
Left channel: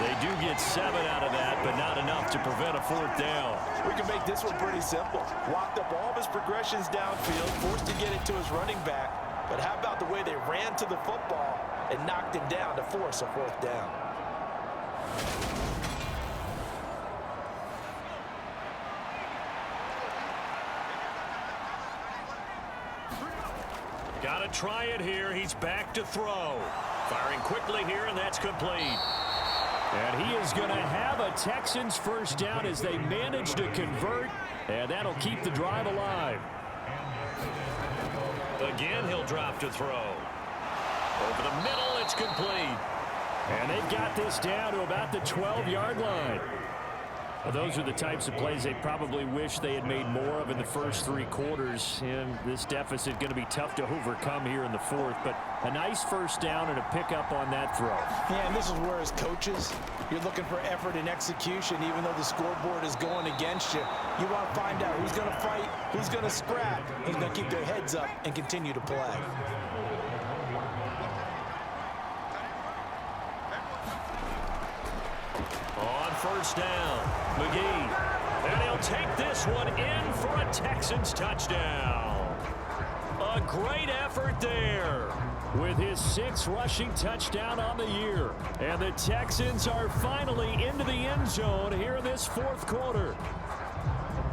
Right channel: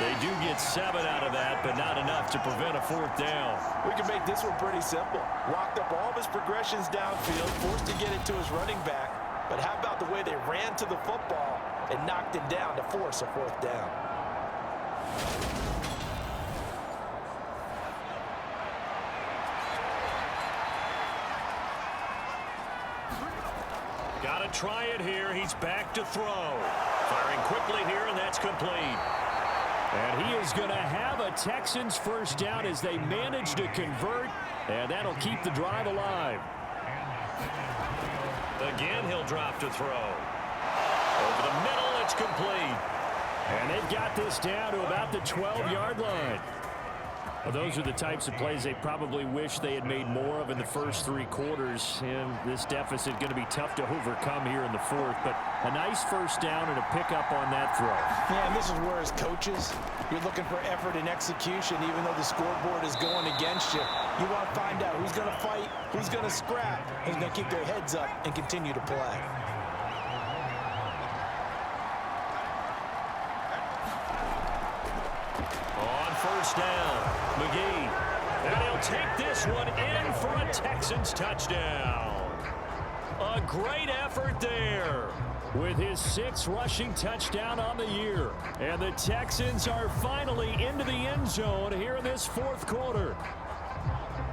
They do get 7 out of that, but not enough to prevent a 4th down. We can make this one pretty simple. Locked up all of his progressions downfield, forced to get it to his running back. But how about the way they ran to the football and knocked him down to force a 4th down? Got to try it here. He's back to throw. Firing quickly here, and that's complete. And he is going to have a Texans 1st down as they manage to convert, and that'll keep the drive alive. Again, he'll drop to throw. Over the middle, it's complete. And they've got this down to about the 12-yard line. Well, those are the types of plays they probably wish they had made more of in the first 3 quarters. And this deficit going to be tough to overcome here in the 4th. But a nice 1st down and a pickup on that throw. Yeah, and this is where as coaches, you're looking for effort and execution. Even though the scoreboard is going against you, you want to find out who's going to fight, who's going to scrap, who's going to keep their heads up and continue to play. On 1st down, McGee. And he'll take this one in for a Texans touchdown. A great effort there with his 6th rushing touchdown on the year. And the Texans are finally into the end zone here in this 4th quarter.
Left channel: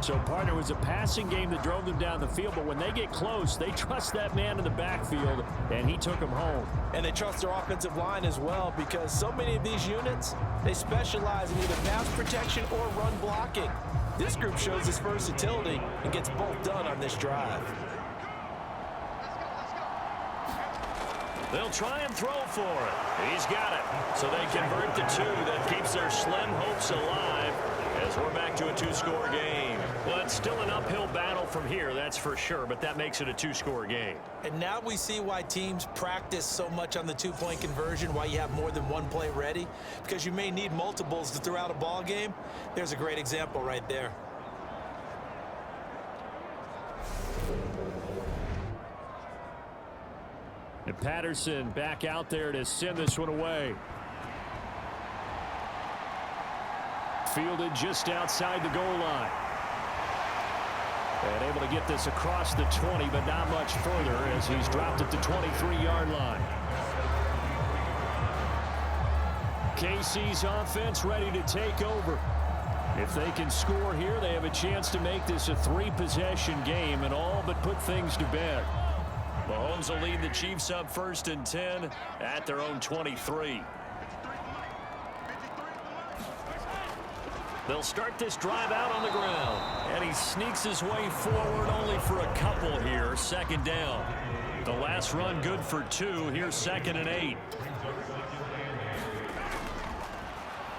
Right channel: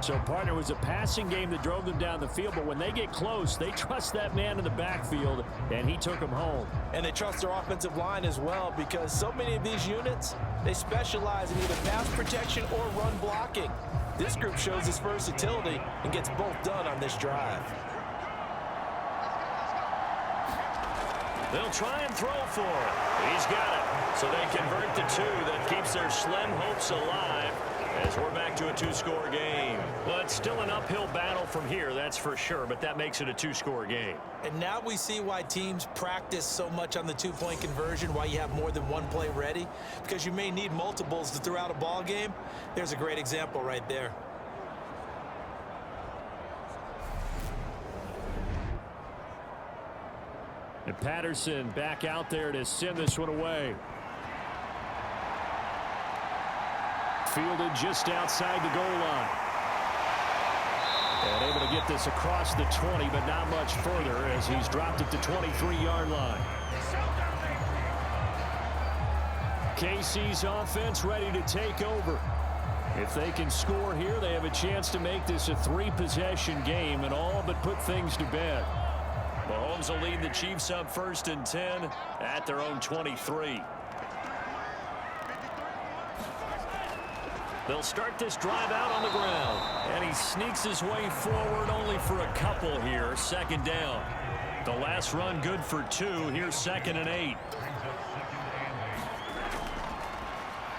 So, partner, was a passing game that drove them down the field, but when they get close, they trust that man in the backfield, and he took them home. And they trust their offensive line as well because so many of these units, they specialize in either pass protection or run blocking. This group shows its versatility and gets both done on this drive. They'll try and throw for it. He's got it. So they convert the 2. That keeps their slim hopes alive. as we're back to a two-score game. Well, it's still an uphill battle from here, that's for sure, but that makes it a two-score game. And now we see why teams practice so much on the two-point conversion, why you have more than one play ready, because you may need multiples to throw out a ball game. There's a great example right there. And Patterson back out there to send this one away. Fielded just outside the goal line. And able to get this across the 20, but not much further as he's dropped at the 23-yard line. KC's offense ready to take over. If they can score here, they have a chance to make this a three-possession game and all but put things to bed. Mahomes will lead the Chiefs up 1st and 10 at their own 23. They'll start this drive out on the ground. And he sneaks his way forward only for a couple here. 2nd down. The last run good for 2. Here's 2nd and 8.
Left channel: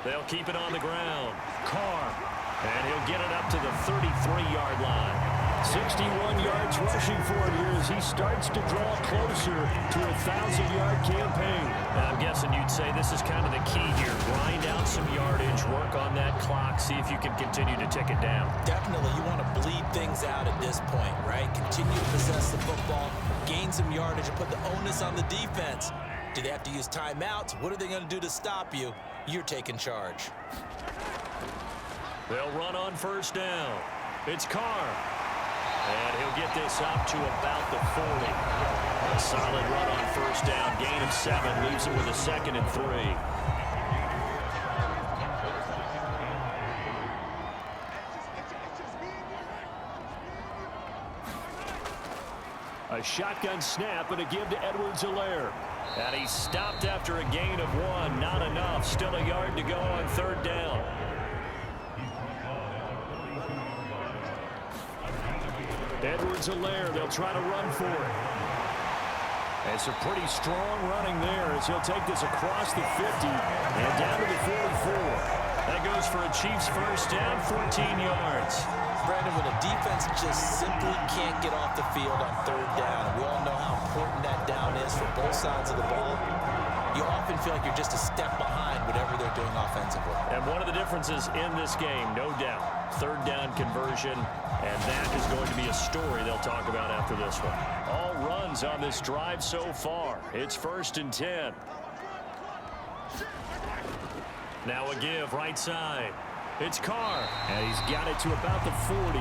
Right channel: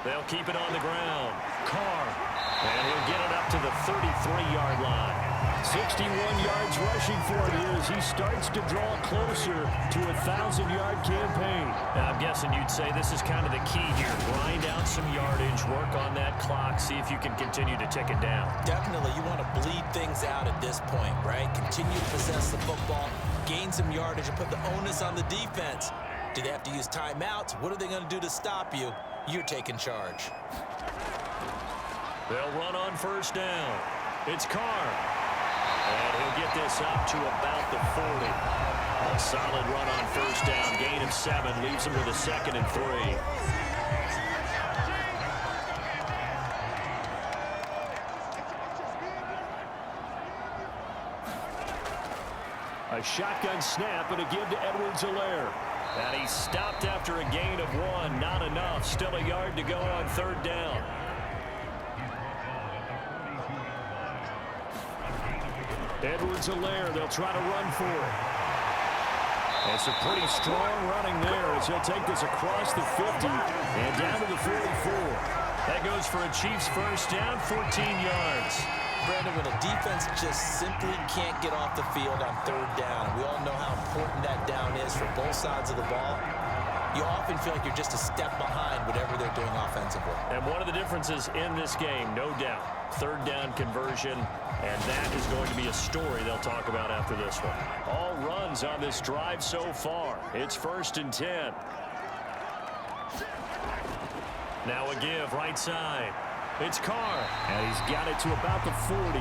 They'll keep it on the ground. Carr. And he'll get it up to the 33-yard line. 61 yards rushing for it here as he starts to draw closer to a 1,000-yard campaign. Now, I'm guessing you'd say this is kind of the key here. Grind out some yardage, work on that clock, see if you can continue to tick it down. Definitely, you want to bleed things out at this point, right? Continue to possess the football, gain some yardage, and put the onus on the defense. Do they have to use timeouts? What are they going to do to stop you? You're taking charge. They'll run on 1st down. It's Carr. And he'll get this up to about the 40. A solid run on 1st down. Gain of 7 leaves him with a 2nd and 3. A shotgun snap and a give to Edwards-Helaire. And he's stopped after a gain of 1. Not enough. Still a yard to go on 3rd down. Edwards-Helaire, they'll try to run for it. And some pretty strong running there as he'll take this across the 50 and down to the 44. That goes for a Chiefs 1st down, 14 yards. Brandon, when a defense just simply can't get off the field on 3rd down, and we all know how important that down is for both sides of the ball, you often feel like you're just a step behind whatever they're doing offensively. And one of the differences in this game, no doubt, 3rd down conversion, and that is going to be a story they'll talk about after this one. All runs on this drive so far. It's 1st and 10. Now a give right side. It's Carr. And he's got it to about the 40.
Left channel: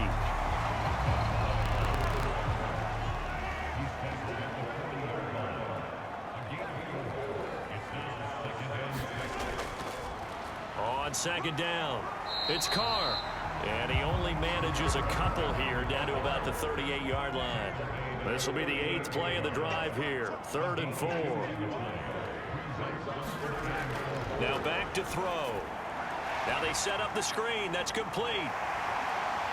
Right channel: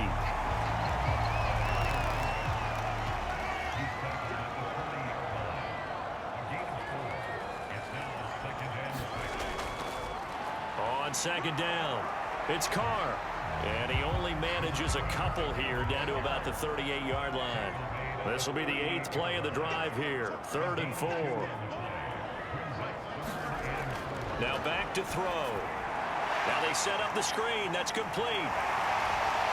On 2nd down, it's Carr. And he only manages a couple here down to about the 38-yard line. This will be the 8th play of the drive here. 3rd and 4. Now back to throw. Now they set up the screen. That's complete.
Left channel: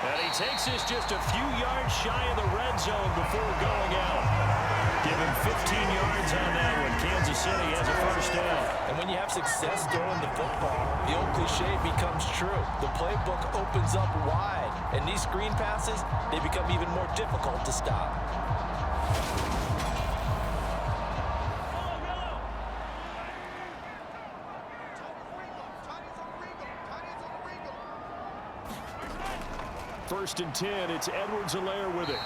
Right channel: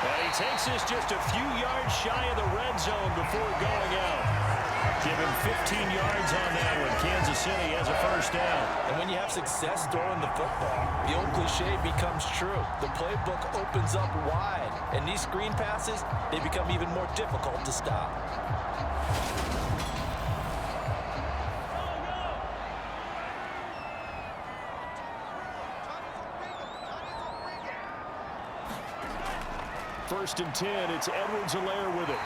And he takes this just a few yards shy of the red zone before going out. Give him 15 yards on that one. Kansas City has a 1st down. And when you have success throwing the football, the old cliche becomes true. The playbook opens up wide, and these screen passes, they become even more difficult to stop. First and 10, it's Edwards-Helaire with it.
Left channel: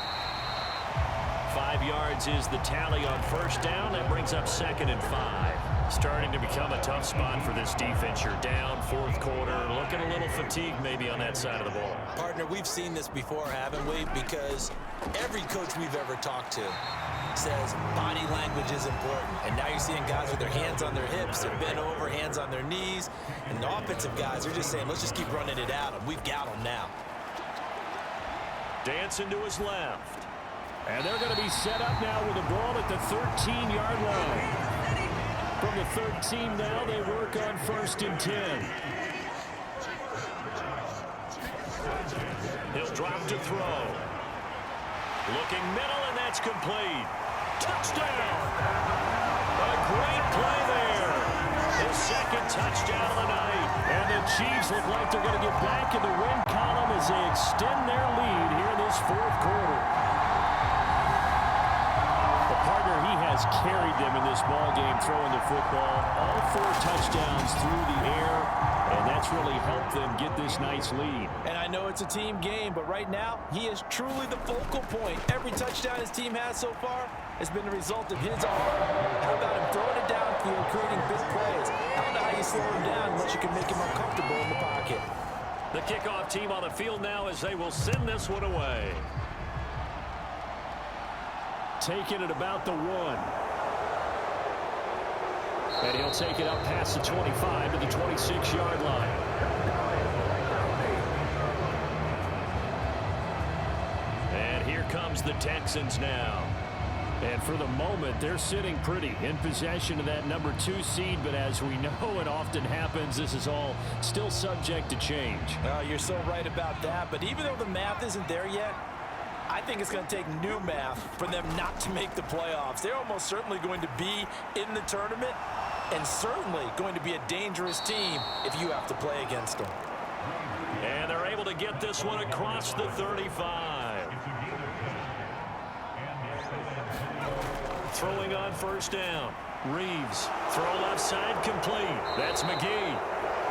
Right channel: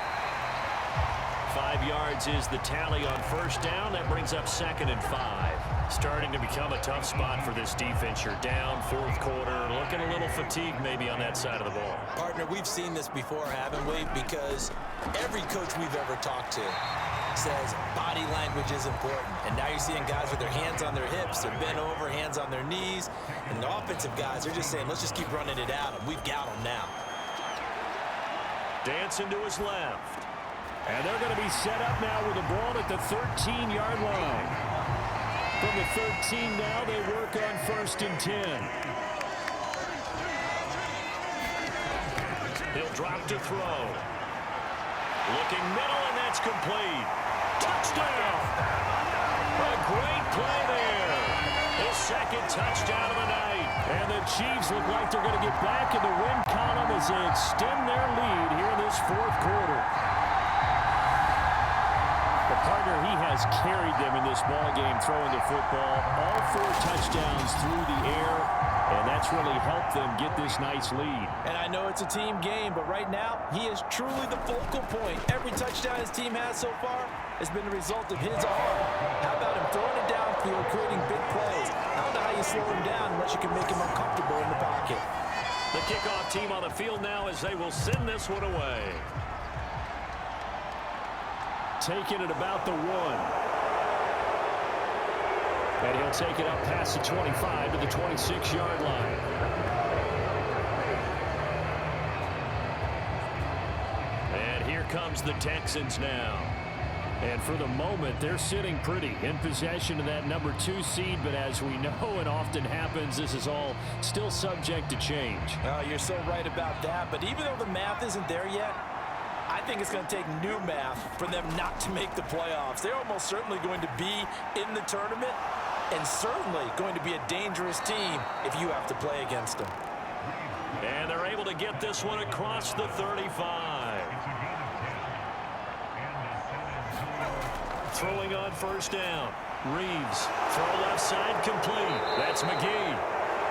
5 yards is the tally on 1st down. That brings up 2nd and 5. Starting to become a tough spot for this defense. You're down 4th quarter. Looking a little fatigued maybe on that side of the ball. Partner, we've seen this before, haven't we? Because every coach we've ever talked to says body language is important. And now you're seeing guys with their hands on their hips, they're bent over, hands on their knees. And the offensive guys are just saying, let's just keep running it at them. We've got them now. Dancing to his left. And they're going to be set up now with the ball at the 13-yard line. From the 13 now, they work on 1st and 10. He'll drop to throw. Looking middle, and that's complete. Touchdown! A great play there. His 2nd second touchdown of the night. And the Chiefs look like they're going to get back in the win column as they extend their lead here in this fourth quarter. The partner, he has carried them in this ball game throwing the football. All 4 touchdowns through the air, and that's really helped them get this nice lead. And I know it's a team game, but right now, he is truly the focal point. Every touchdown his team has so far has been the result of his arm. How about him throwing it downfield, creating big plays? I don't know how you slow him down unless you can make him uncomfortable in the pocket. The kickoff team on the field now as they will send this one away. Taking it about the 1. And he'll take it up past the 25 to the 26-yard line. And here comes the Texans now. And for the moment, they're sitting pretty in possession of that number 2 seed. But as we know, it often happens, this is all still subject to change. Oh, you're so right about that. But even though the math isn't there yet, I think it's going to take new math for them not to make the playoffs. They're almost certainly going to be in the tournament and certainly going to be a dangerous team if you have to play against them. And they're able to get this one across the 35. Throwing on first down. Reeves. Throw left side complete. That's McGee.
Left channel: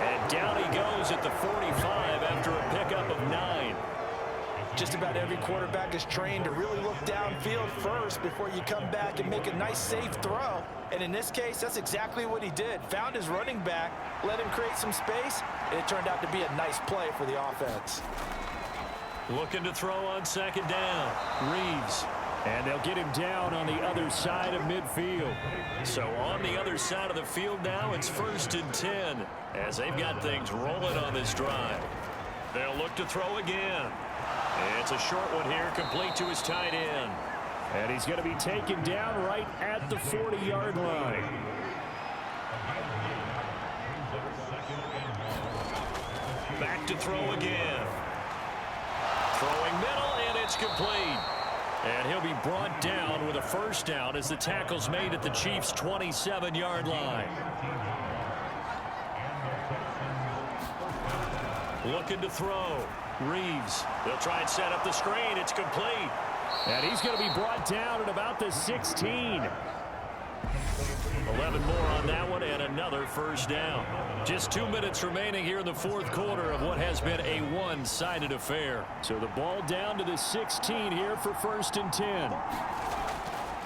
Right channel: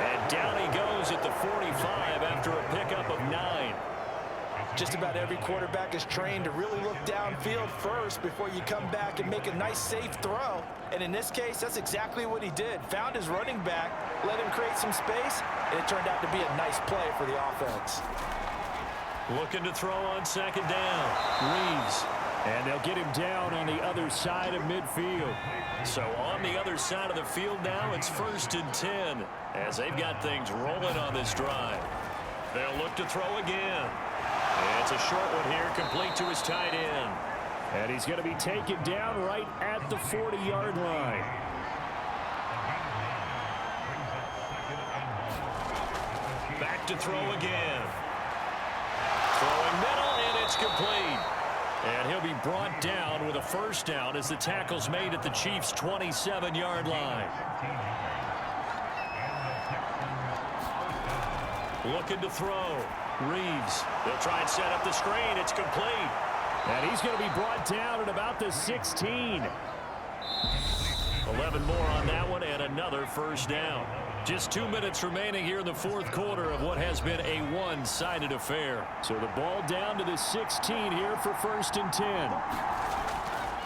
And down he goes at the 45 after a pickup of 9. Just about every quarterback is trained to really look downfield first before you come back and make a nice, safe throw. And in this case, that's exactly what he did. Found his running back, let him create some space, and it turned out to be a nice play for the offense. Looking to throw on second down. Reeves. And they'll get him down on the other side of midfield. So on the other side of the field now, it's 1st and 10 as they've got things rolling on this drive. They'll look to throw again. It's a short one here, complete to his tight end. And he's going to be taken down right at the 40-yard line. Back to throw again. Throwing middle, and it's complete. And he'll be brought down with a first down as the tackle's made at the Chiefs' 27-yard line. Looking to throw. Reeves. They'll try and set up the screen. It's complete. And he's going to be brought down at about the 16. 11 more on that one and another first down. Just 2 minutes remaining here in the fourth quarter of what has been a one-sided affair. So the ball down to the 16 here for 1st and 10.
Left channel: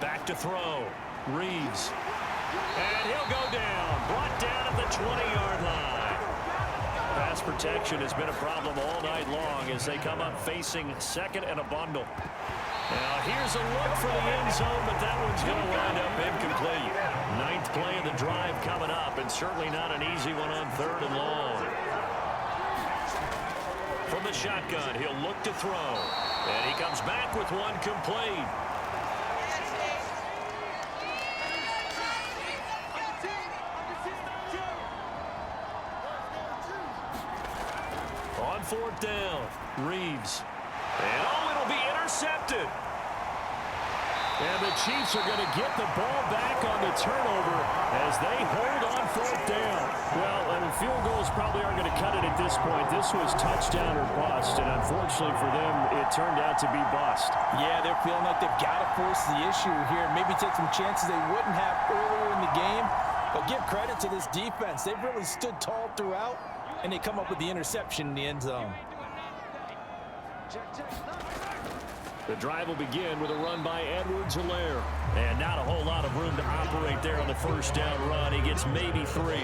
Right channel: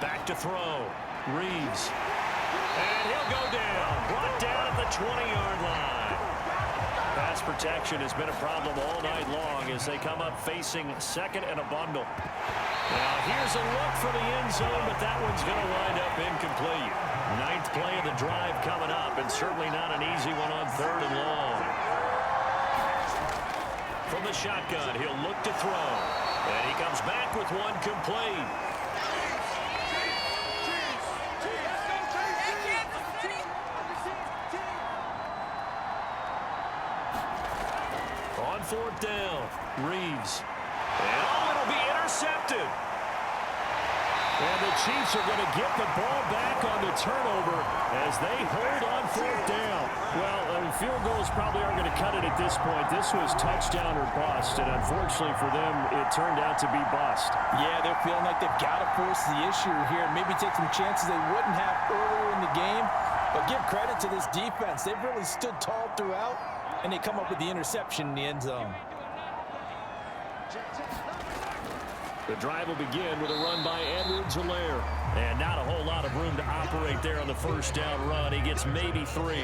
Back to throw. Reeves. And he'll go down. Brought down at the 20-yard line. Pass protection has been a problem all night long as they come up facing second and a bundle. Now here's a look for the end zone, but that one's going to wind up incomplete. 9th play of the drive coming up, and certainly not an easy one on 3rd and long. From the shotgun, he'll look to throw. And he comes back with one complete. On 4th down, Reeves. And it'll be intercepted. And the Chiefs are going to get the ball back on the turnover as they hold on 4th down. Well, I mean, field goals probably aren't going to cut it at this point. This was touchdown or bust, and unfortunately for them, it turned out to be bust. Yeah, they're feeling like they've got to force the issue here. Maybe take some chances they wouldn't have earlier in the game. But give credit to this defense. They've really stood tall throughout, and they come up with the interception in the end zone. The drive will begin with a run by Edwards-Helaire. And not a whole lot of room to operate there on the first down run. He gets maybe 3.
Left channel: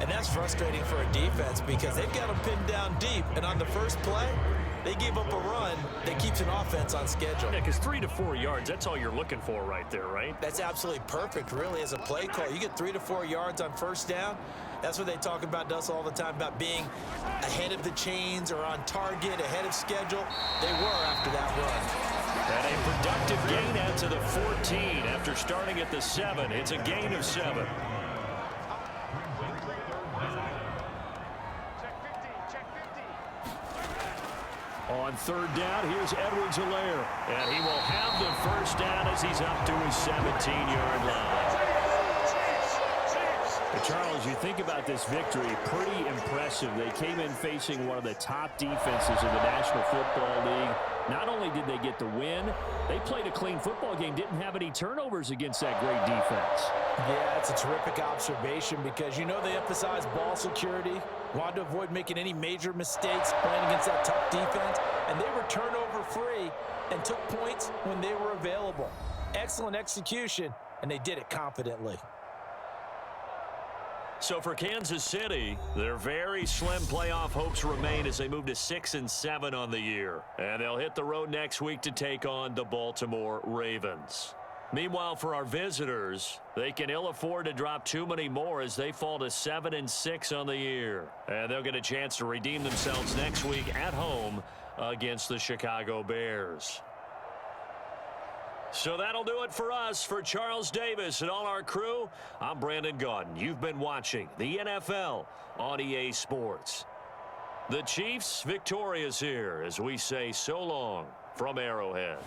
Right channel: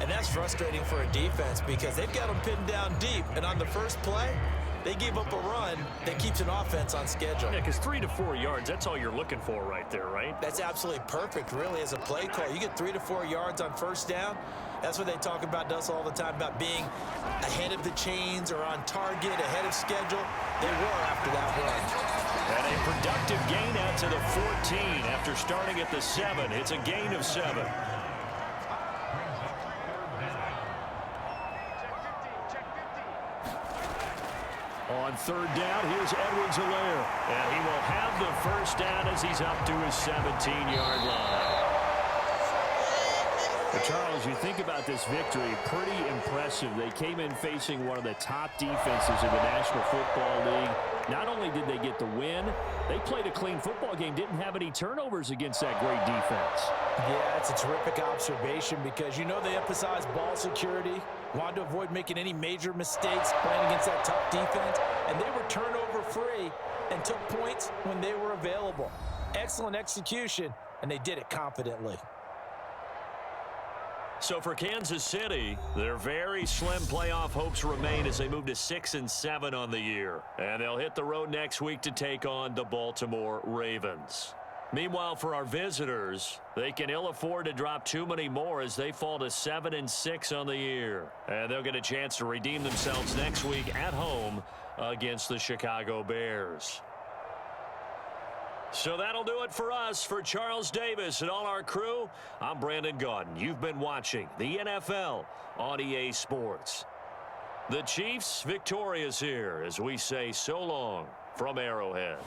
And that's frustrating for a defense because they've got them pinned down deep. And on the first play, they gave up a run that keeps an offense on schedule. Yeah, because 3 to 4 yards, that's all you're looking for right there, right? That's absolutely perfect, really, as a play call. You get 3 to 4 yards on first down. That's what they talk about us all the time, about being ahead of the chains or on target, ahead of schedule. They were after that run. And a productive gain out to the 14 after starting at the 7. It's a gain of 7. On 3rd down, here's Edwards-Helaire. And he will have the first down as he's up to his 17-yard line. Charles, you think about this victory, pretty impressive. They came in facing one of the top defenses in the National Football League. Not only did they get the win, they played a clean football game, didn't have any turnovers against that great defense. Yeah, it's a terrific observation because you know they emphasize ball security, wanted to avoid making any major mistakes playing against that tough defense, and they were turnover-free and took points when they were available. Excellent execution, and they did it confidently. So for Kansas City, their very slim playoff hopes remain as they move to 6-7 on the year. And they'll hit the road next week to take on the Baltimore Ravens. Meanwhile, for our visitors, they can ill afford to drop too many more as they fall to 7-6 on the year. And they'll get a chance to redeem themselves next week at home against the Chicago Bears. So that'll do it for us. For Charles Davis and all our crew, I'm Brandon Gaudin. You've been watching the NFL on EA Sports. The Chiefs victorious here as we say so long from Arrowhead.